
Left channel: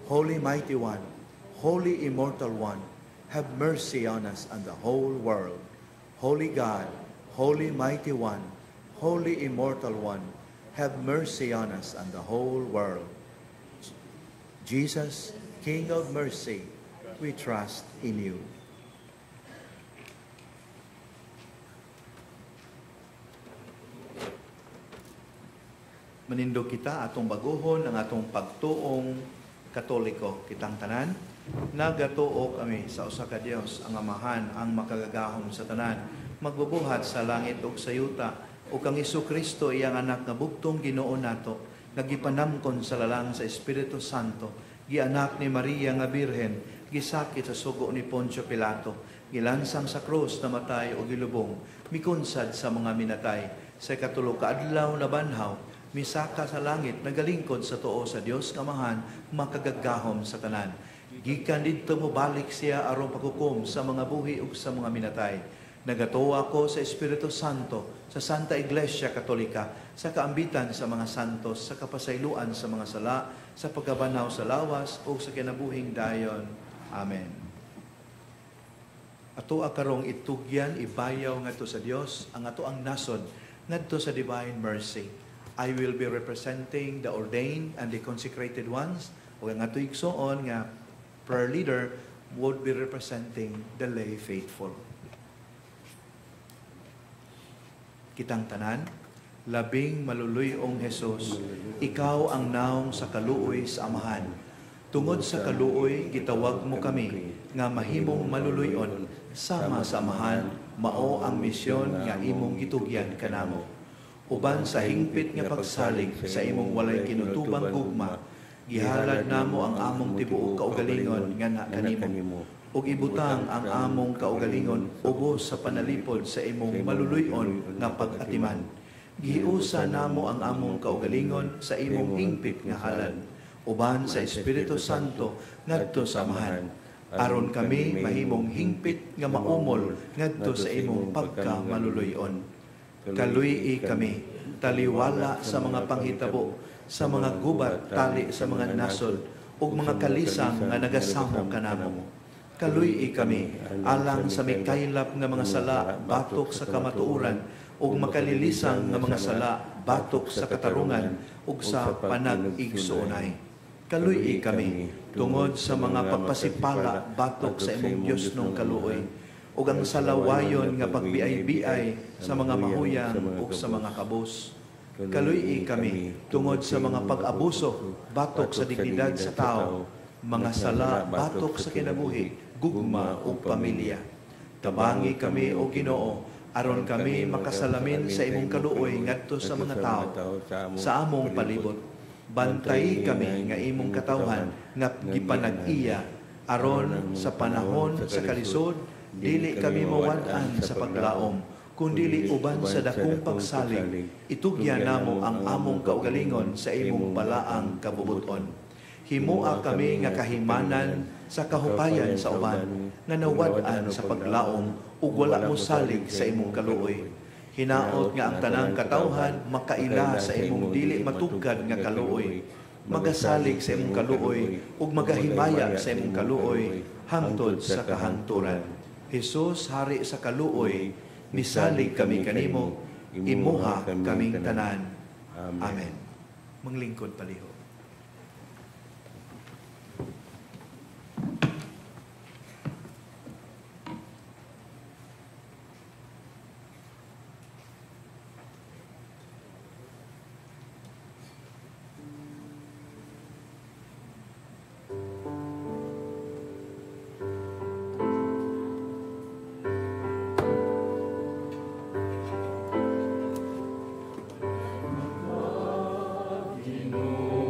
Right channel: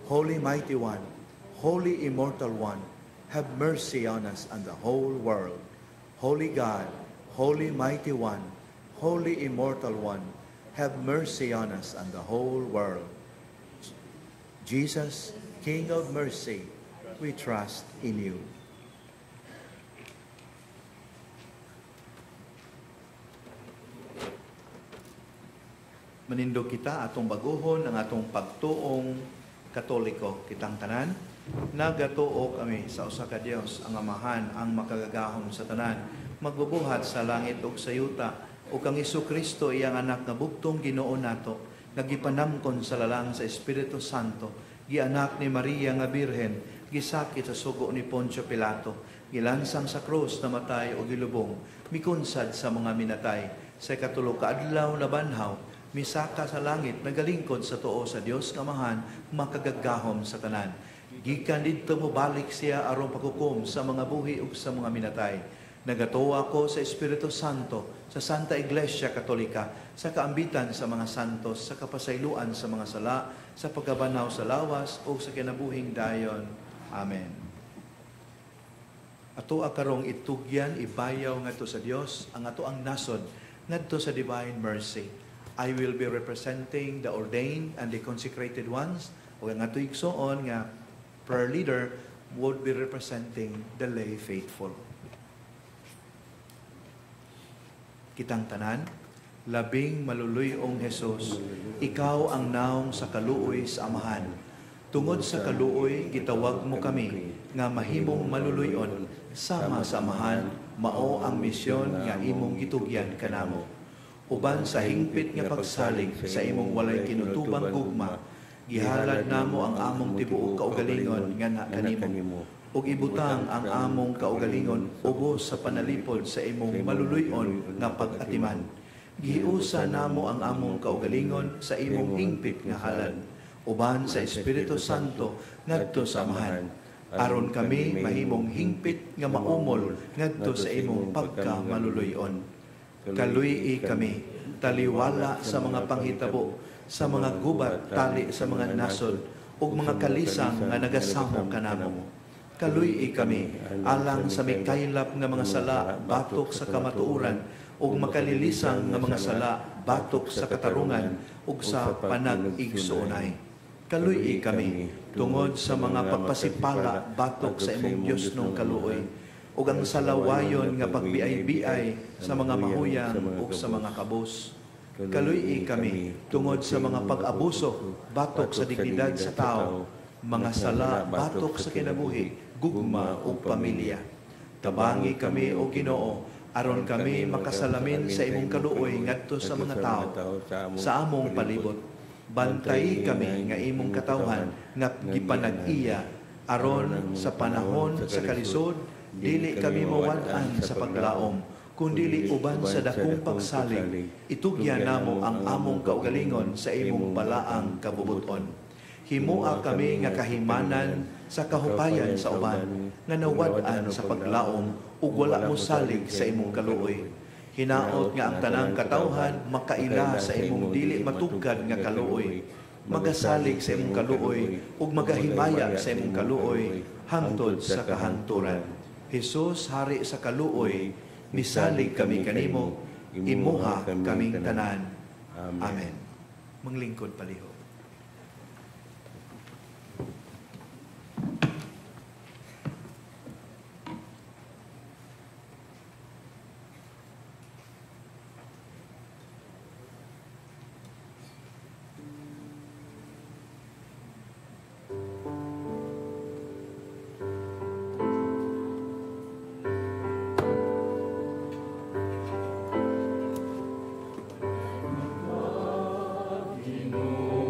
Holy Mighty One, Holy Immortal One, have mercy on us and the whole world. Holy God, Holy Mighty One, Holy Immortal One, have mercy on us and the whole world. Jesus, King of mercy, we trust in you. Manindog kita atong baguhon ang atong pagtuong Katoliko. Kitang tanan, nagatuo kami sa usa ka Dios, ang Amahan, ang makagagahom sa tanan, magbubuhat sa langit ug sa yuta, ug kang Hesukristo iyang anak nga bugtong Ginoo nato, nagipanamkon sa lalang sa Espiritu Santo, gianak ni Maria nga Birhen, gisakit sa sugo ni Poncio Pilato, gilansang sa krus, namatay o gilubong, mikunsad sa mga minatay, sa ikatulo ka adlaw na banhaw, misaka sa langit, nagalingkod sa tuo sa Dios nga Amahan, makagagahom sa tanan. Gikan didto mo balik siya aron paghukom sa mga buhi ug sa mga minatay. Nagatuo ako sa Espiritu Santo, sa Santa Iglesia Katolika, sa kaambitan sa mga santos, sa kapasayloan sa mga sala, sa pagkabanaw sa lawas o sa kinabuhing dayon. Amen. Ato akarong itugyan, ibayaw ngadto sa Dios, ang ato ang nasod ngadto sa divine mercy. I will be representing the ordained and the consecrated ones, o ang ato igsoon nga prayer leader would be representing the lay faithful. Kitang tanan, labing maluluyong Jesus, ikaw ang naong sa kaluoy sa Amahan. Tungod sa kaluoy, gitawag mo kami, nga mahimong maluluyon, sama sa Amahan, mao ang misyon nga imong gitugyan kanamo. Uban sa hingpit nga pagsalig sa imong walay kinutubang gugma, gihalad namo ang among tibuok kaugalingon nga kanimo. Ug ibutang ang among kaugalingon ubos sa panalipod sa imong maluluyon nga pag-atiman. Gihiusa namo ang among kaugalingon sa imong hingpit nga halad, uban sa Espiritu Santo ngadto sa Amahan, aron kami mahimong hingpit nga maumol ngadto sa imong pagka-maluluyon. Kaluy kami, taliwala sa mga panghitabo, sa mga gubat tali sa mga nasod, ug mga kalisang nga nagasamo kanamo. Kaluy kami, alang sa mikaylap nga mga sala batok sa kamatuoran, ug makalilisang nga mga sala batok sa katarungan ug sa panag-igsuonay. Kaluy kami, tungod sa mga pagpasipala batok sa imong Dios nung kaluoy, ug ang salawayon nga pagbiay-biay sa mga mahuyang ug sa mga kabos. Kaluy kami, tungod sa mga pag-abuso batok sa dignidad sa tao, mga sala batok sa kinabuhi, gugma ug pamilya. Tabangi kami o Ginoo, aron kami makasalamin sa imong kaluoy ngadto sa mga tao sa among palibot. Bantay kami nga imong katawhan nga gipanag-iya, aron sa panahon sa kalisod dili kami mawad-an sa paglaom, kundili uban sa dakong pagsalig, itugyan namo ang among kaugalingon sa imong balaang kabubuton. Himua kami nga kahimanan sa kahupayan sa uban, nga nawad-an sa paglaom ug wala mo salig sa imong kaluoy. Hinaot nga ang tanang katawhan makaila sa imong dili matugkad nga kaluoy, magasalig sa imong kaluoy ug magahimaya sa imong kaluoy hangtod sa kahangturan. Hesus, hari sa kaluoy, misalig kami kanimo, imuha kaming tanan. Amen. Manglingkod palihog. Ginoo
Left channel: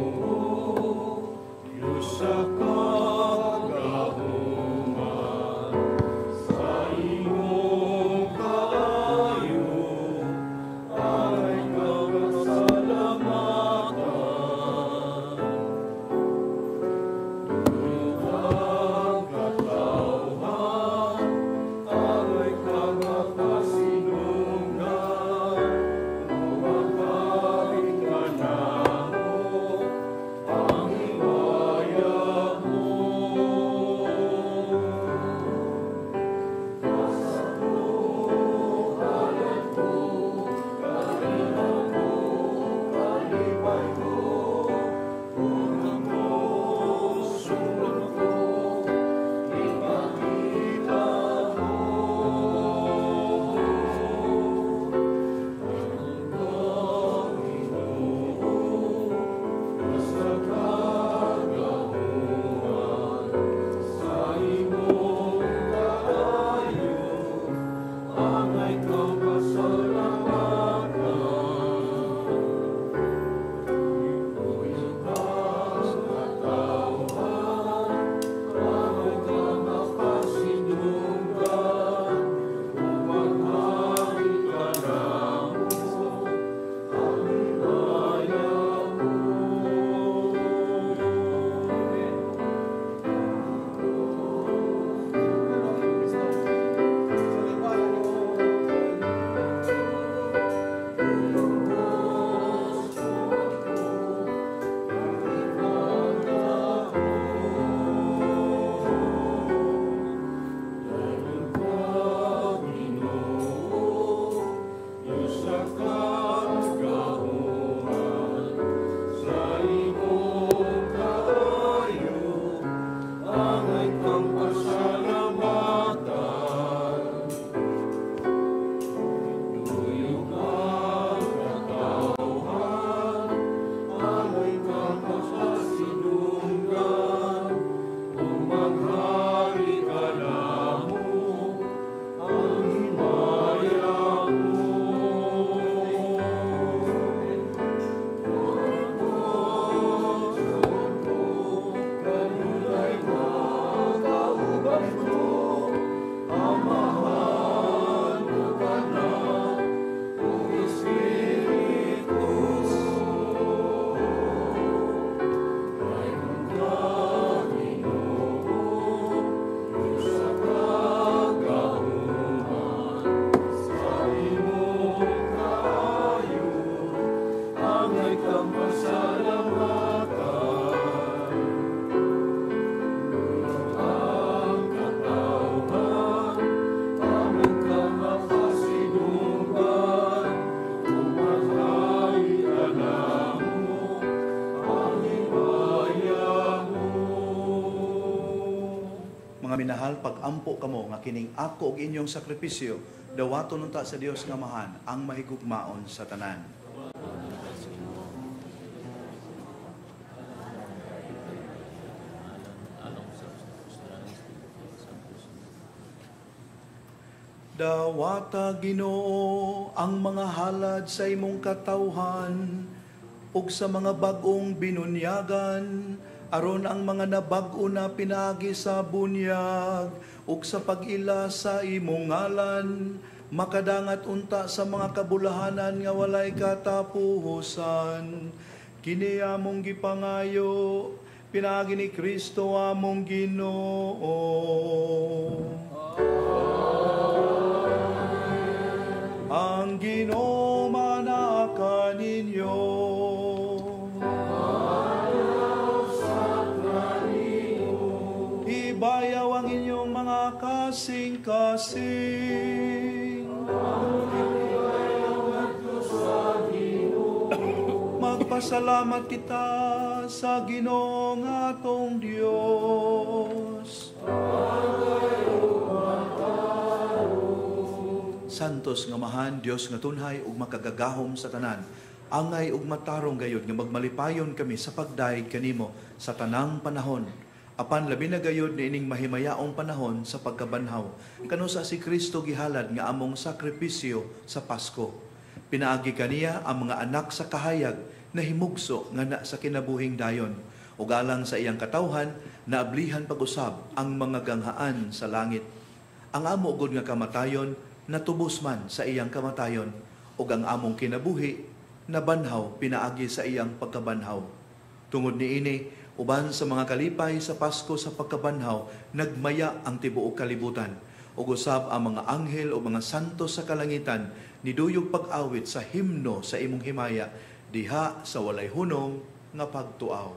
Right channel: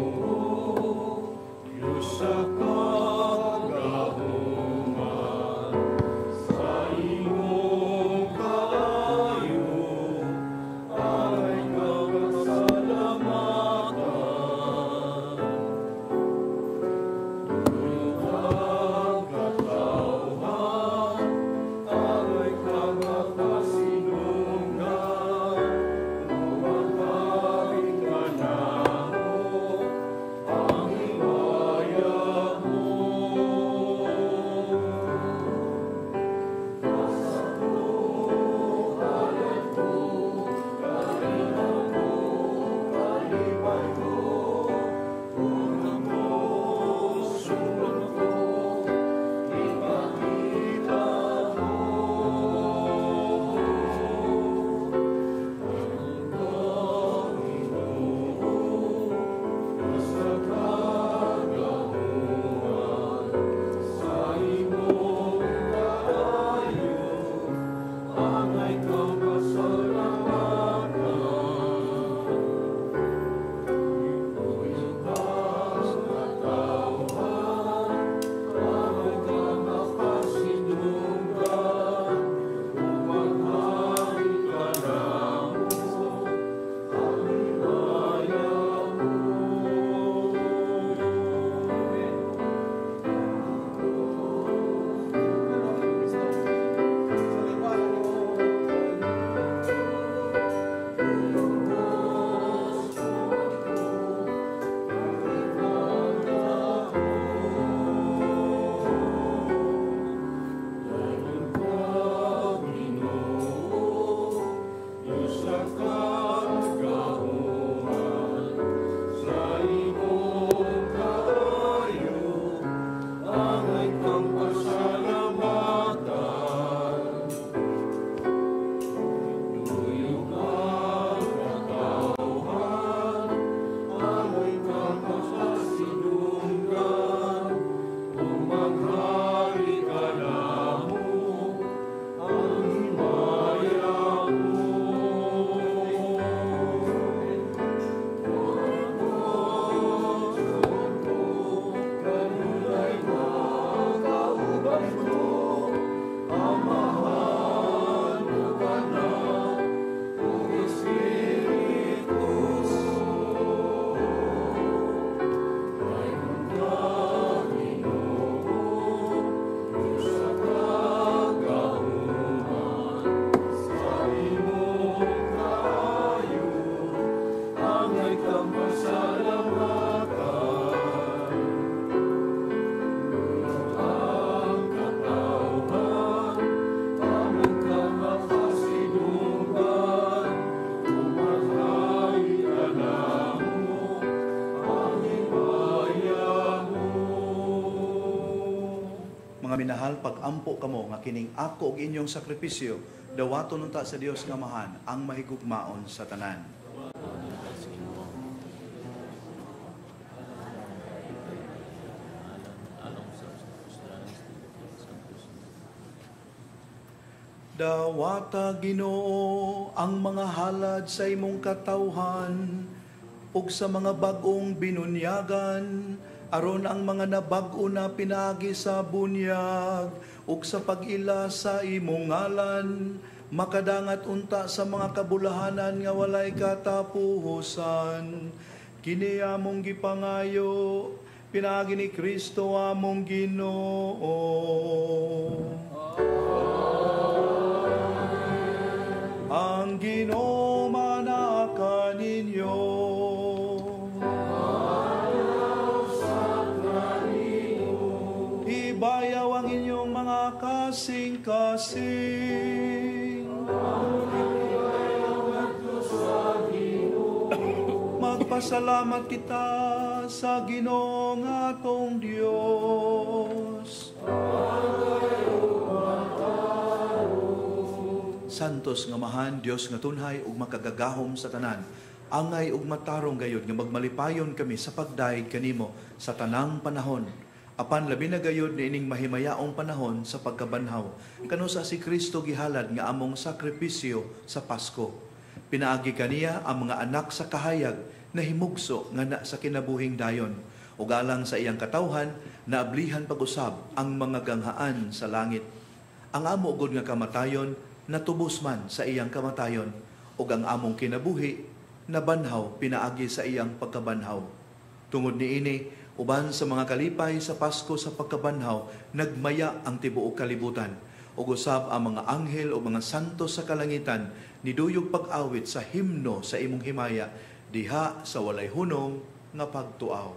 minahal, pag-ampo kamo nga kining ako og inyong sakripisyo, dawaton unta sa Dios nga Amahan ang mahigugmaon sa tanan. Dawata Ginoo ang mga halad sa imong katawhan ug sa mga bag-ong binunyagan aron ang mga nabag-o na pinagi sa bunyag ug sa pag-ila sa imong ngalan makadangat unta sa mga kabulahanan nga walay katapusan. Kini among gipangayo pinagi ni Kristo among Ginoo. Ang Ginoo manaka ninyo. Ibayaw ang inyong mga kasing-kasing. Magpasalamat kita sa Ginoo nga atong Dios. Santos nga Amahan, Dios nga tunhay ug makagagahom sa tanan. Angay ug matarong gayud nga magmalipayon kami sa pagdaig kanimo sa tanang panahon. Apan labi na gayud niining mahimayaong panahon sa pagkabanhaw. Kanusa si Kristo gihalad nga among sakripisyo sa Pasko. Pinaagi kaniya ang mga anak sa kahayag na himugso nga na sa kinabuhing dayon. Ug alang sa iyang katawhan naablihan pag-usab ang mga ganghaan sa langit. Ang amo gud nga kamatayon natubos man sa iyang kamatayon ug ang among kinabuhi nabanhaw pinaagi sa iyang pagkabanhaw. Tungod niini uban sa mga kalipay sa Pasko sa pagkabanhaw nagmaya ang tibuok kalibutan ug usab ang mga anghel o mga santo sa kalangitan niduyog pag-awit sa himno sa imong himaya diha sa walay hunong nga pagtuaw.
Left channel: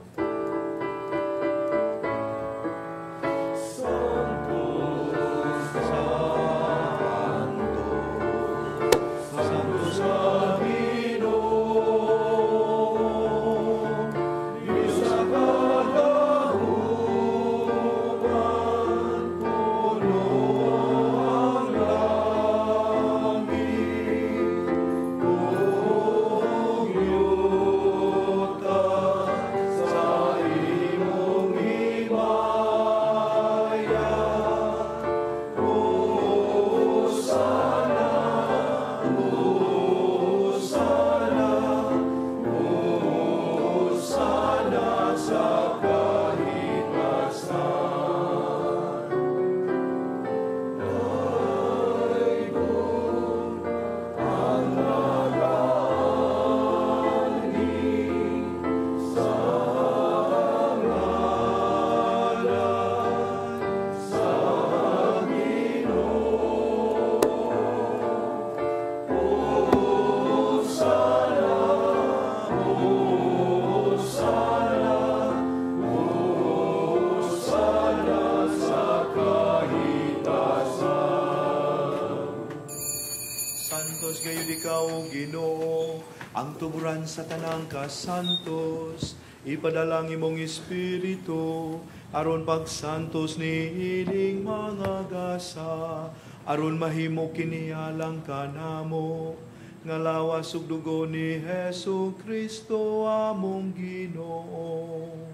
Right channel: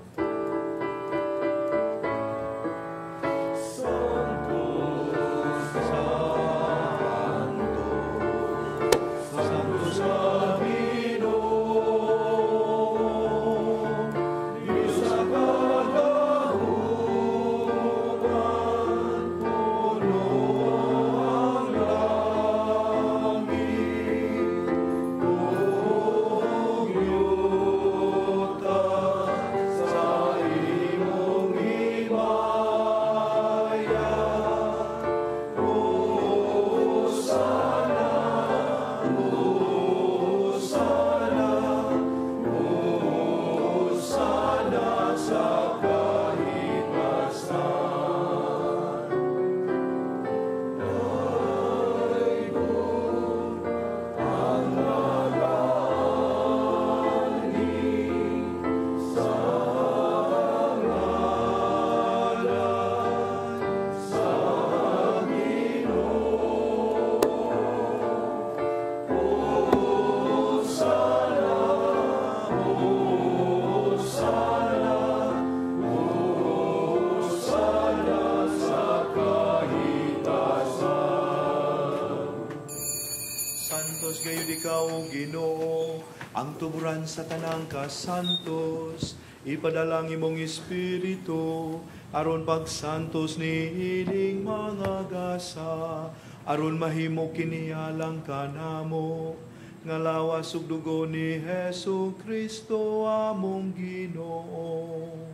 Ginoo, ang tuburan sa tanang kasantos, ipadala ang imong Espiritu, aron pagsantos ni ining mga gasa, aron mahimo kinihalang kanamo, nga lawas ug dugo ni Hesu Kristo among Ginoo.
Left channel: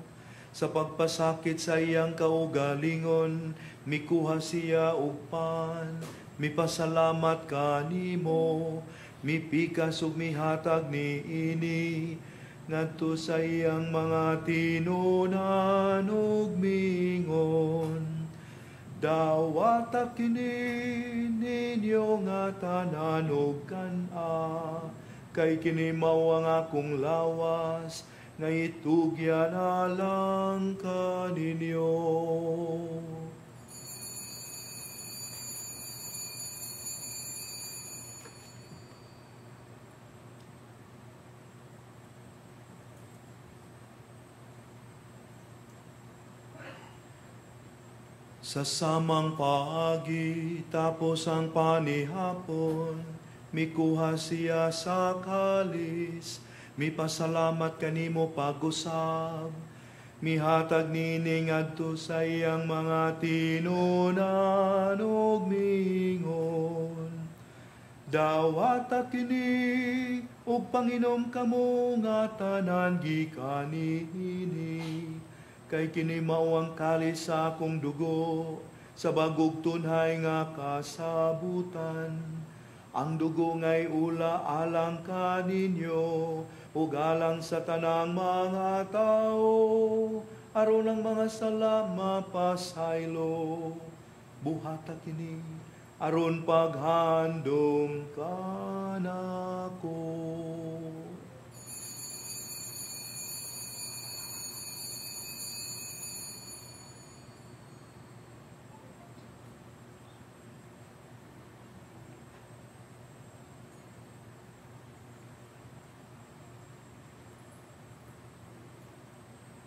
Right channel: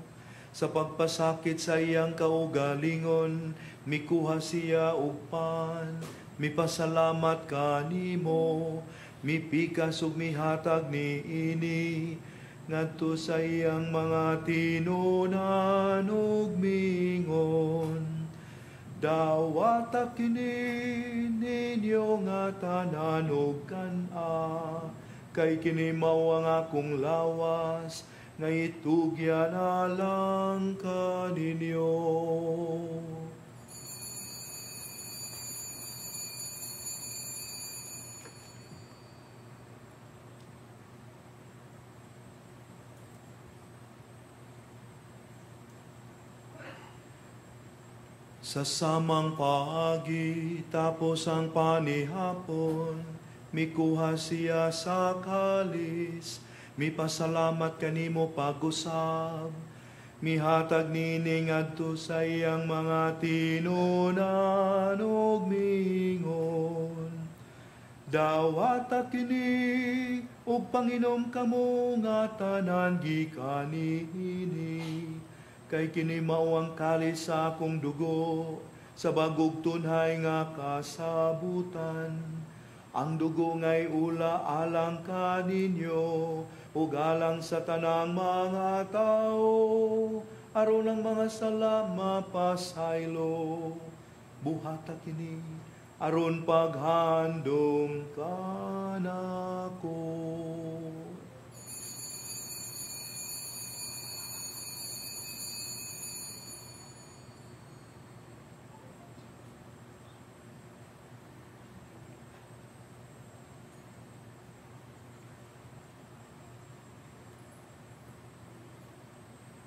Sa pagpasakit sa iyang kaugalingon, mikuha siya og pan, mipasalamat kanimo, mipikas ug mihatag ni ini ngadto sa iyang mga tinunan ug mingon. Dawata kini ninyo nga tanan ug kan-a, kay kini mao ang akong lawas nga itugyan alang kaninyo. Sa samang paagi, tapos ang panihapon, mikuha siya sa kalis, mipasalamat kanimo pag-usab, Mihatag nini ngadto sa iyang mga tinunan ug mingon. Dawata kini ug panginom kamo nga tanan gikan niini. Kay kini mao ang kalis sa akong dugo sa bagog tunhay nga kasabutan. Ang dugo nga'y ula alang kaninyo ug alang sa tanang mga tao aron ang mga sala mapasaylo. Buhata kini aron paghandom kanako.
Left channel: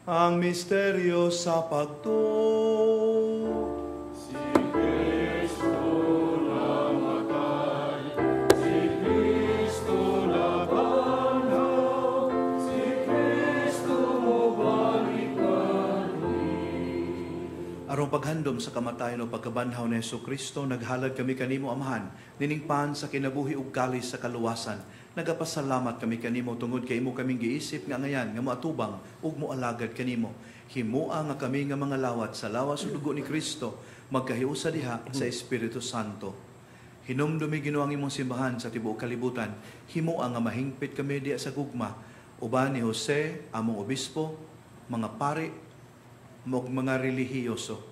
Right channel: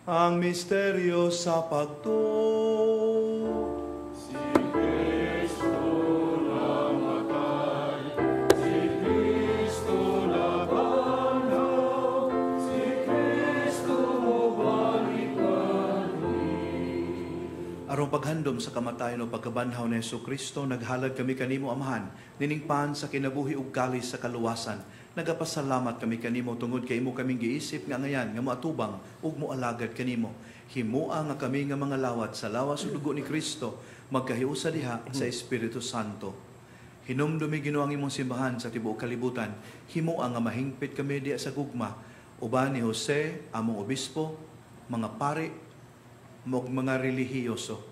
Ang misteryo sa pagtuo. Si Kristo namatay, si Kristo nabanhaw, si Kristo balikan. Arong paghandom sa kamatayon o pagkabanhaw ni Yesu Kristo, naghalad kami kanimo, Amahan, niningpan sa kinabuhi ug kalis sa kaluwasan. Nagapasalamat kami kanimo tungod kay imo kaming giisip nga ngayan nga moatubang ug moalagad kanimo. Himua nga kami nga mga lawat sa lawas ug dugo ni Kristo magkahiusa diha sa Espiritu Santo. Hinumdumi Ginoo ang imong simbahan sa tibuok kalibutan. Himua nga mahingpit kami diha sa gugma uban ni Jose, among obispo, mga pari, mga relihiyoso.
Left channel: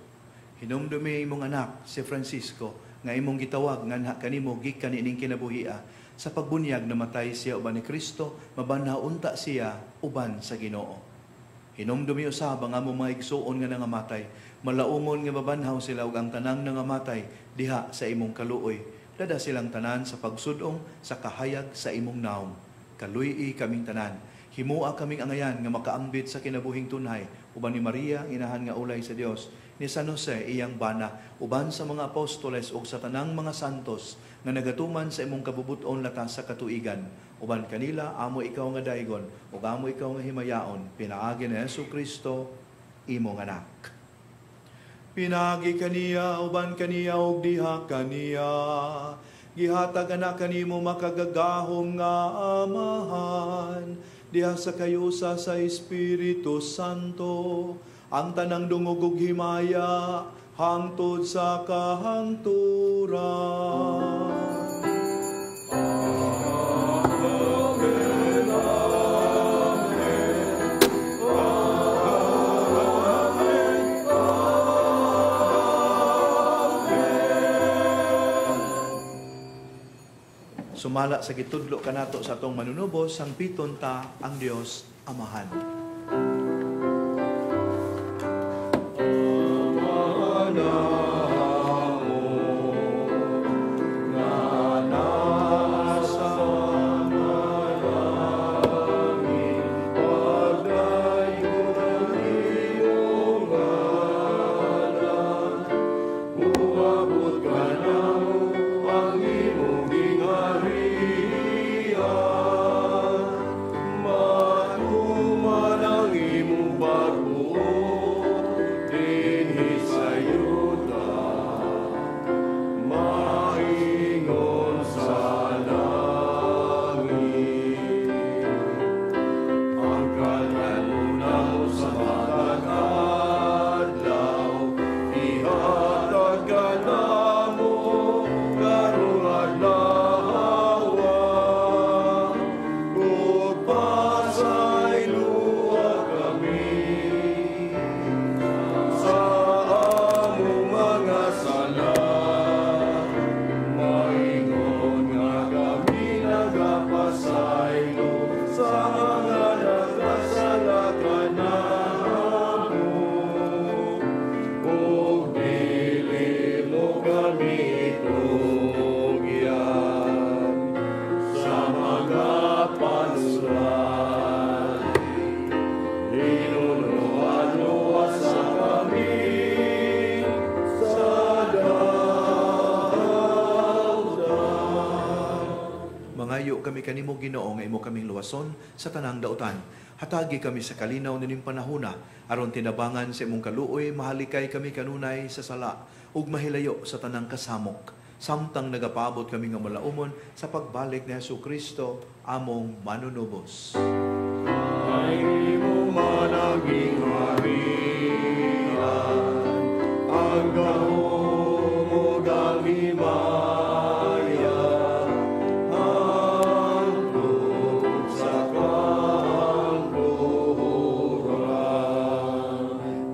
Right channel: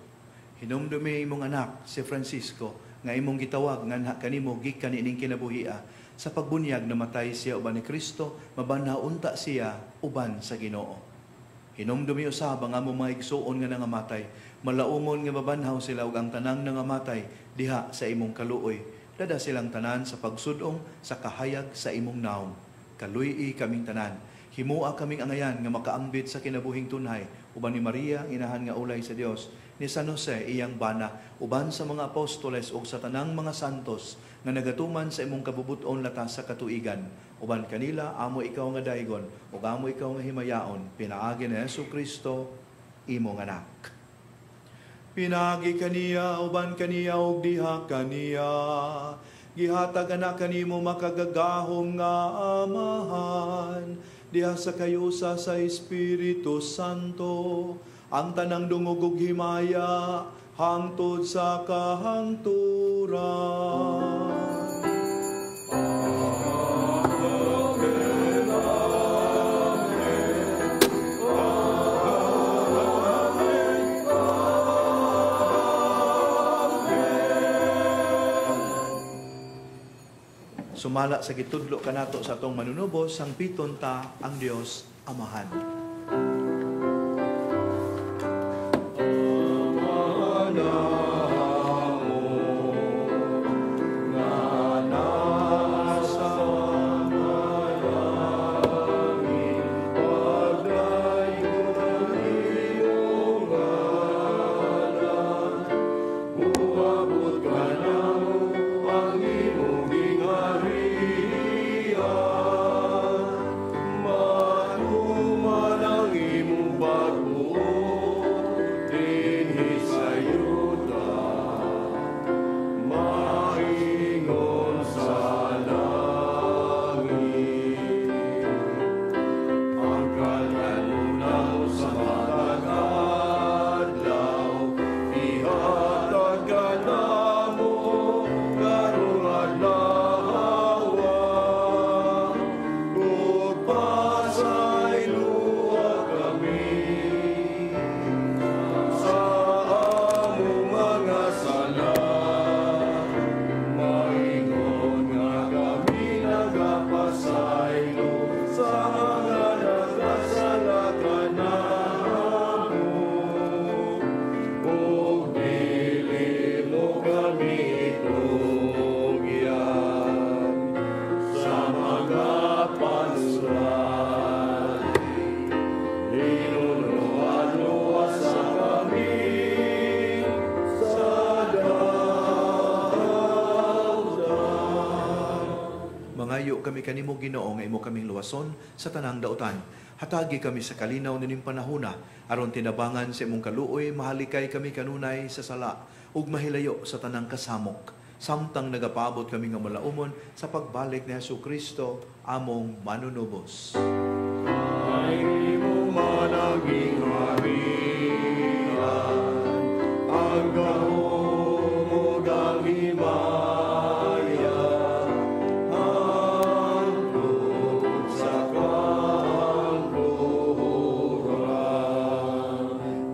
Hinumdumi imong anak si Francisco nga imong gitawag nga kanimo gikan ining kinabuhia. Sa pagbunyag namatay siya uban ni Kristo, mabanhaw unta siya uban sa Ginoo. Hinumdumi usab ang among mga igsuon nga nangamatay, malaumon nga mabanhaw sila ug ang tanang nangamatay diha sa imong kaluoy. Dada silang tanan sa pagsudong sa kahayag sa imong naong. Kaluy-i kaming tanan. Himua kaming angayan nga makaambit sa kinabuhing tunhay uban ni Maria, inahan nga ulay sa Dios, ni San Jose iyang bana, uban sa mga apostoles ug sa tanang mga santos nga nagatuman sa imong kabubuton latas sa katuigan. Uban kanila, amo ikaw nga daygon, ug amo ikaw nga himayaon, pinaagi ni Yesu Kristo, imong anak. Pinaagi kaniya, uban kaniya, ug diha kaniya. Gihatag anak kanimo makagagahom nga Amahan, diha sa kayusa sa Espiritu Santo, ang tanang dungog ug himaya, hangtod sa kahangturan. Sumala sa gitudlo kanato sa atong manunubos, sang piton ta ang Dios Amahan. Mangayo kami kanimo Ginoo nga imo kaming luwason sa tanang dautan. Hatagi kami sa kalinaw nining panahona, aron tinabangan sa imong kaluoy, mahalikay kami kanunay sa sala, ug mahilayo sa tanang kasamok. Samtang nagapaabot kami nga malaumon sa pagbalik ni Jesucristo, among manunubos. Ay mo managing Maria, ang gahom ang himaya, ang tungkol sa kanluran.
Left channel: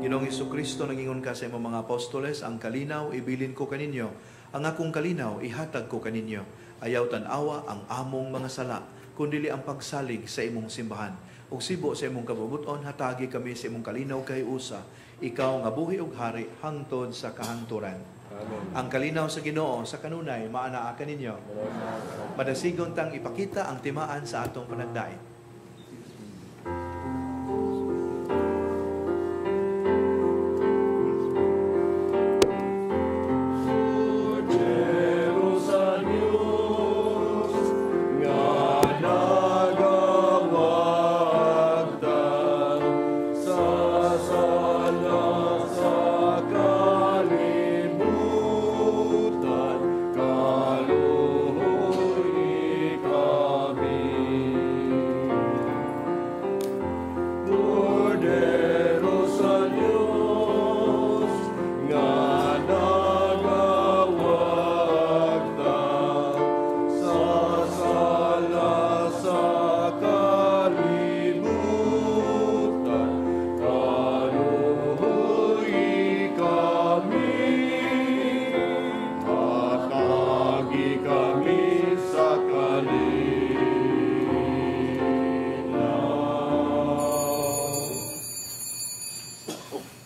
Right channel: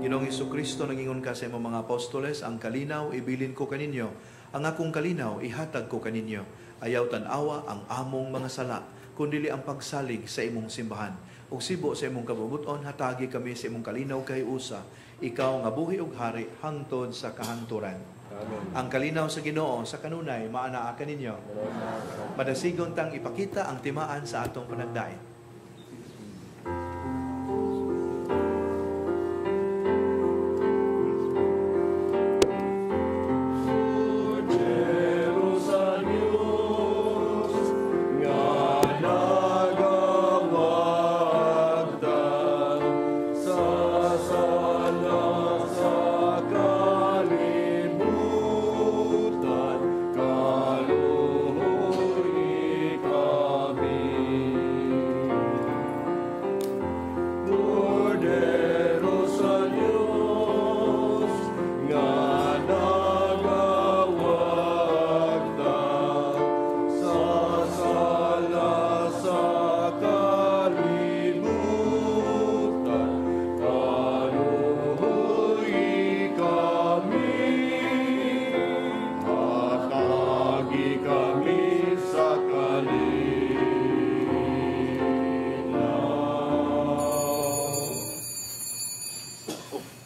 Ginoong Jesucristo, nagingon ka sa imong mga apostoles, ang kalinaw ibilin ko kaninyo, ang akong kalinaw ihatag ko kaninyo. Ayaw tan-awa ang among mga sala, kundili ang pagsalig sa imong simbahan. Ug sibo sa imong kabubuton, hatagi kami sa imong kalinaw kay usa, ikaw nga buhi ug hari hangtod sa kahangturan. Amen. Ang kalinaw sa Ginoo sa kanunay maanaa kaninyo. Madasigon tang ipakita ang timaan sa atong panagdain.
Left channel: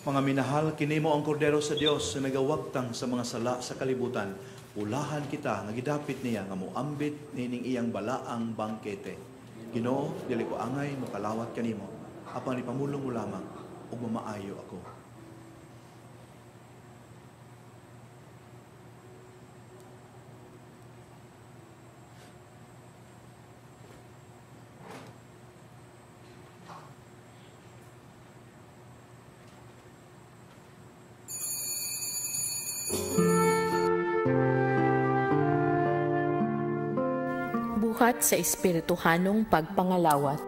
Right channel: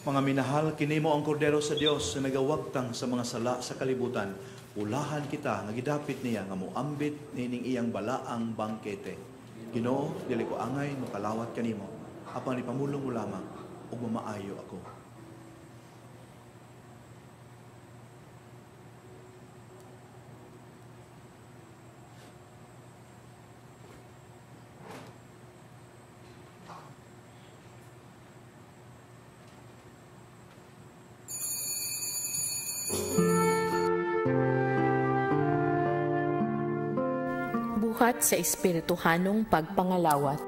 Mga minahal, kinimo ang kordero sa Dios na nagawagtang sa mga sala sa kalibutan. Ulahan kita, nagidapit niya nga moambit nining iyang balaang bangkete. Ginoo, dili ko angay makalawat kanimo. Apang ipamulong mo lamang ug mamaayo ako. Buhat sa espirituhanong pagpangalawat.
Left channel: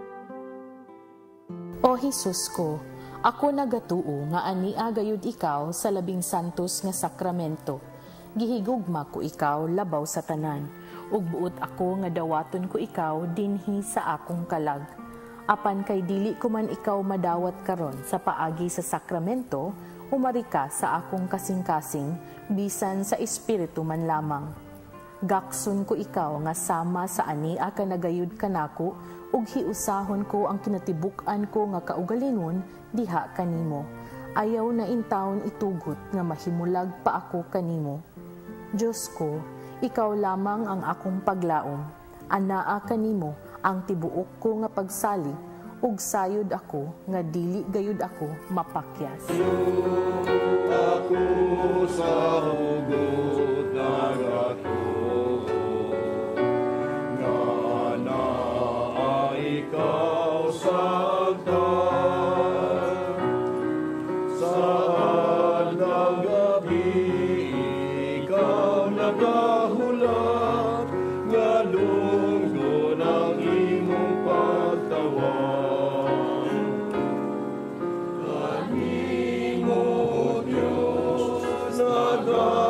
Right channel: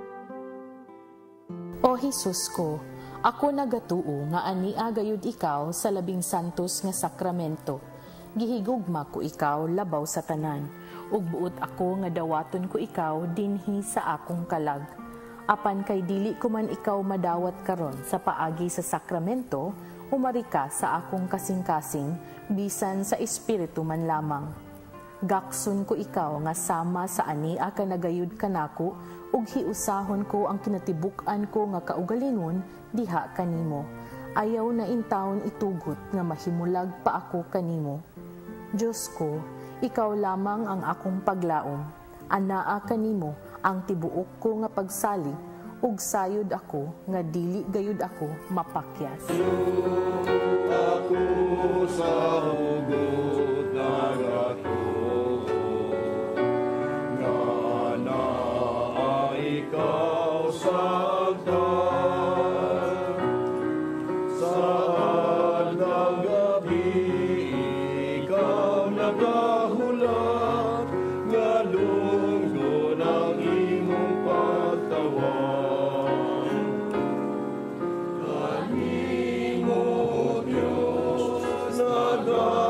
O Jesus ko, ako nagatuo nga ania gayud ikaw sa labing santos nga sakramento. Gihigugma ko ikaw labaw sa tanan, ug buot ako nga dawaton ko ikaw dinhi sa akong kalag. Apan kay dili ko man ikaw madawat karon sa paagi sa sakramento, umari ka sa akong kasing-kasing, bisan sa espiritu man lamang. Gakson ko ikaw nga sama sa ania ka nagayud kanako, ug hiusahon ko ang kinatibuk-an ko nga kaugalingon diha kanimo. Ayaw na intawon itugot nga mahimulag pa ako kanimo. Diyos ko, ikaw lamang ang akong paglaom. Anaa kanimo ang tibuok ko nga pagsalig, ug sayod ako nga dili gayud ako mapakyas. Ako sa hugot nagato, nga naa ikaw sa altar. Saan ng gabi ikaw nagahulat, nga lunggo ng imong pagtawag. Kanimo Diyos nagahulat,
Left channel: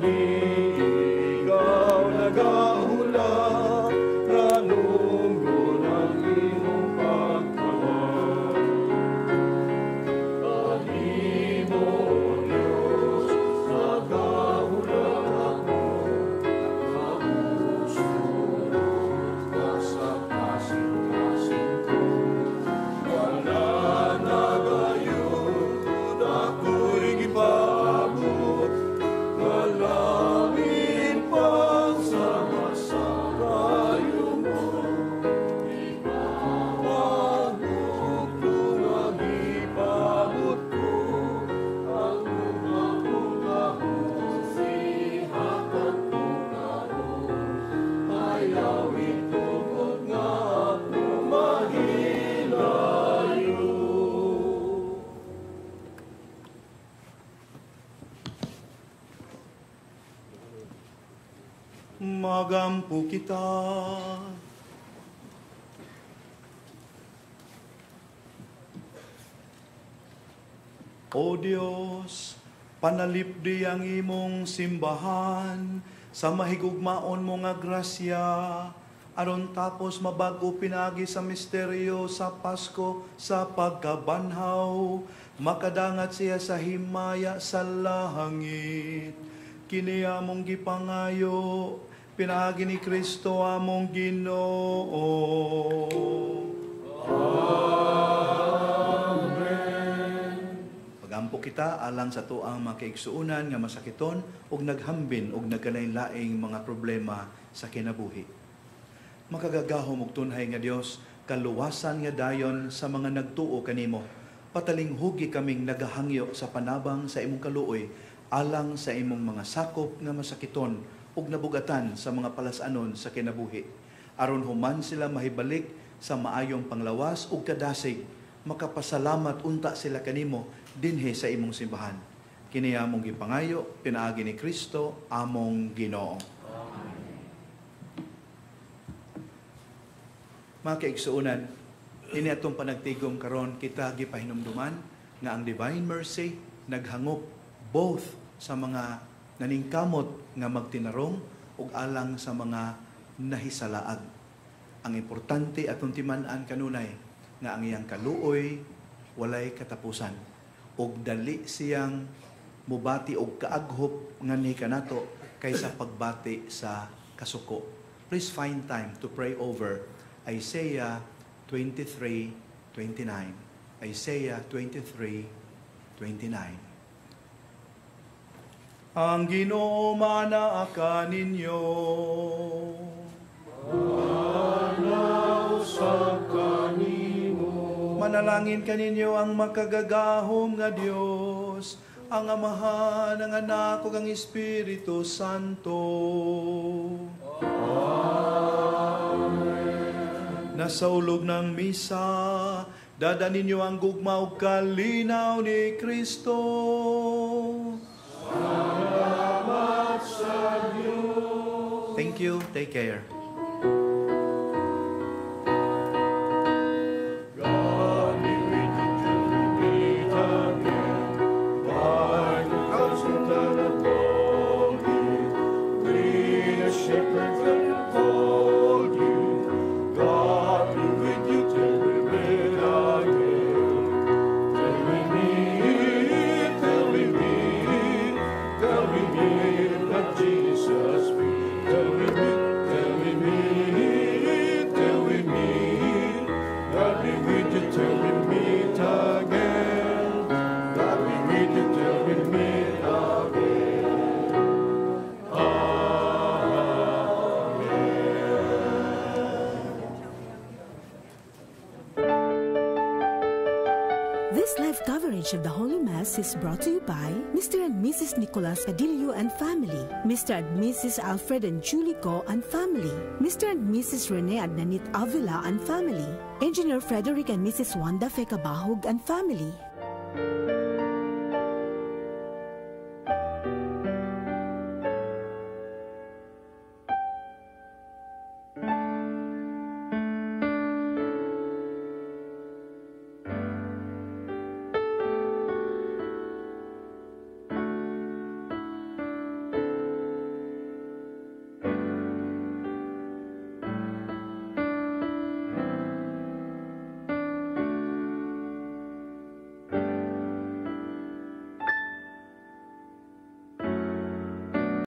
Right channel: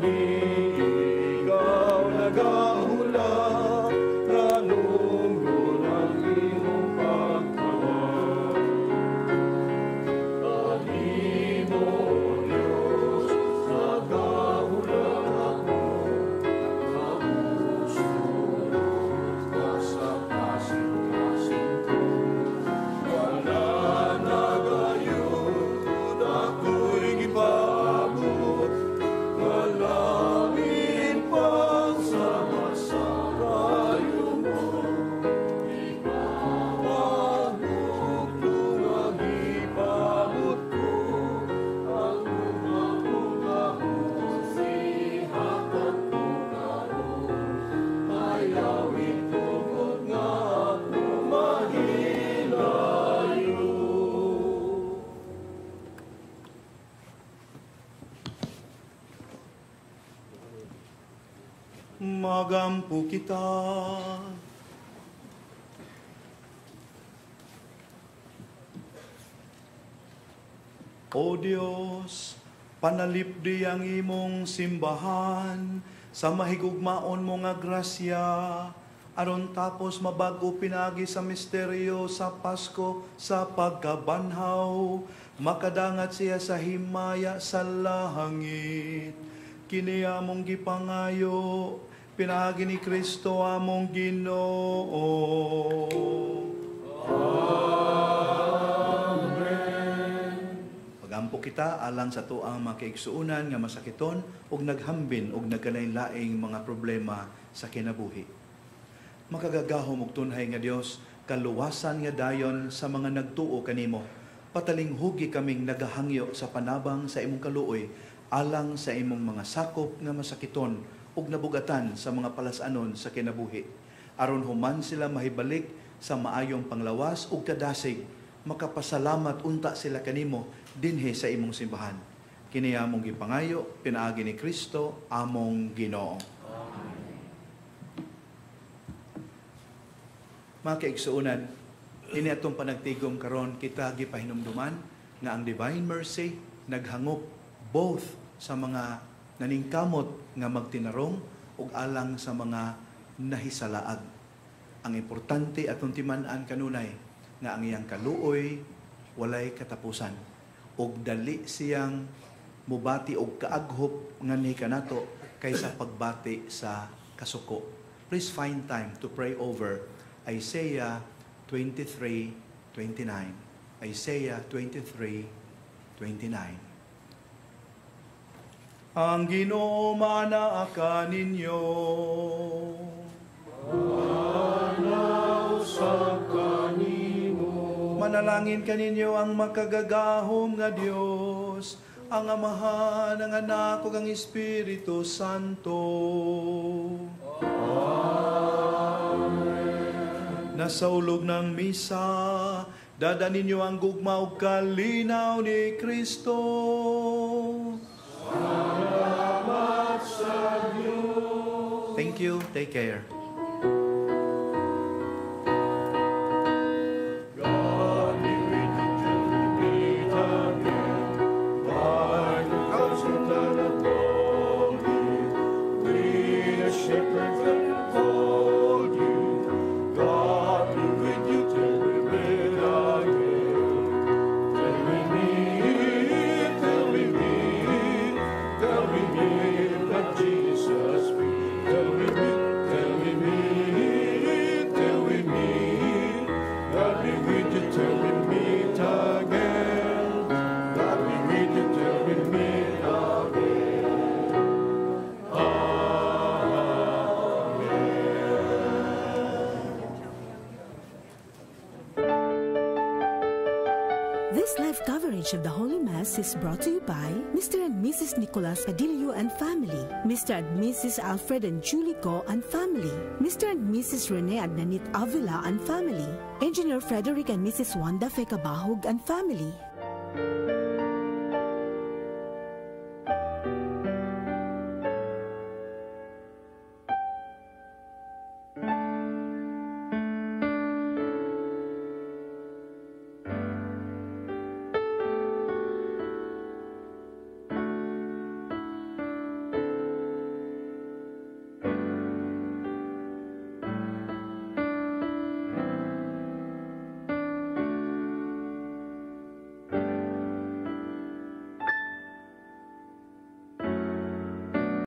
gabi, ikaw nagahulat, nalunggo ng iyong pagtawag. Alimo, Diyos, nagahulat ako, kapuso, nasa kasing-kasing ko. Wala na gayon, ako'y gipabot, walangin pang sama-samayo mo. Ipahanap ko ang ipabot ko, ang unang-unang sihat at tunaro. Ayawin tungkol nga ako mahilayo. Magampo kita. O Diyos, panalipdi ang imong simbahan sa mahigugmaon mo nga grasya, aron tapos mabago pinagi sa misteryo sa Pasko sa pagkabanhaw, makadangat siya sa himaya sa langit. Kini among gipangayo, pinagi ni Kristo among Ginoo. Pagampo kita alang sa tuang makaigsuunan nga masakiton ug naghambin ug nagkalain-laing mga problema sa kinabuhi. Makagagahom ug tunhay nga Dios, kaluwasan nga dayon sa mga nagtuo kanimo. Patalinghugi kaming nagahangyo sa panabang sa imong kaluoy alang sa imong mga sakop nga masakiton ug nabugatan sa mga palasanon sa kinabuhi. Aron human sila mahibalik sa maayong panglawas ug kadasig, makapasalamat unta sila kanimo dinhi sa imong simbahan. Kini among gipangayo pinaagi ni Kristo among Ginoo. Mga kaigsuunan, ini atong panagtigom karon kita gipahinumduman nga ang divine mercy naghangop both sa mga naningkamot nga magtinarong ug alang sa mga nahisalaag. Ang importante atong timan-an kanunay nga ang iyang kaluoy walay katapusan ug dali siyang mubati og kaaghop nga ni kanato kaysa pagbati sa kasuko. Please find time to pray over Isaiah 23:29. Isaiah 23:29. Ang Ginoo manaa ninyo. Manausap kanimo. Manalangin kaninyo ang makagagahom nga Dios, ang Amahan, ang Anak ug ang Espiritu Santo. Amen. Nasa ulog ng misa, dada ninyo ang gugma ug kalinaw ni Kristo. Salamat sa Diyos. Thank you. Take care. This live coverage of the Holy Mass is brought to you by Mr. and Mrs. Nicolas Cadillo and family, Mr. and Mrs. Alfred and Julie Go and family, Mr. and Mrs. Rene and Nanit Avila and family, Engineer Frederick and Mrs. Wanda Fekabahog and family.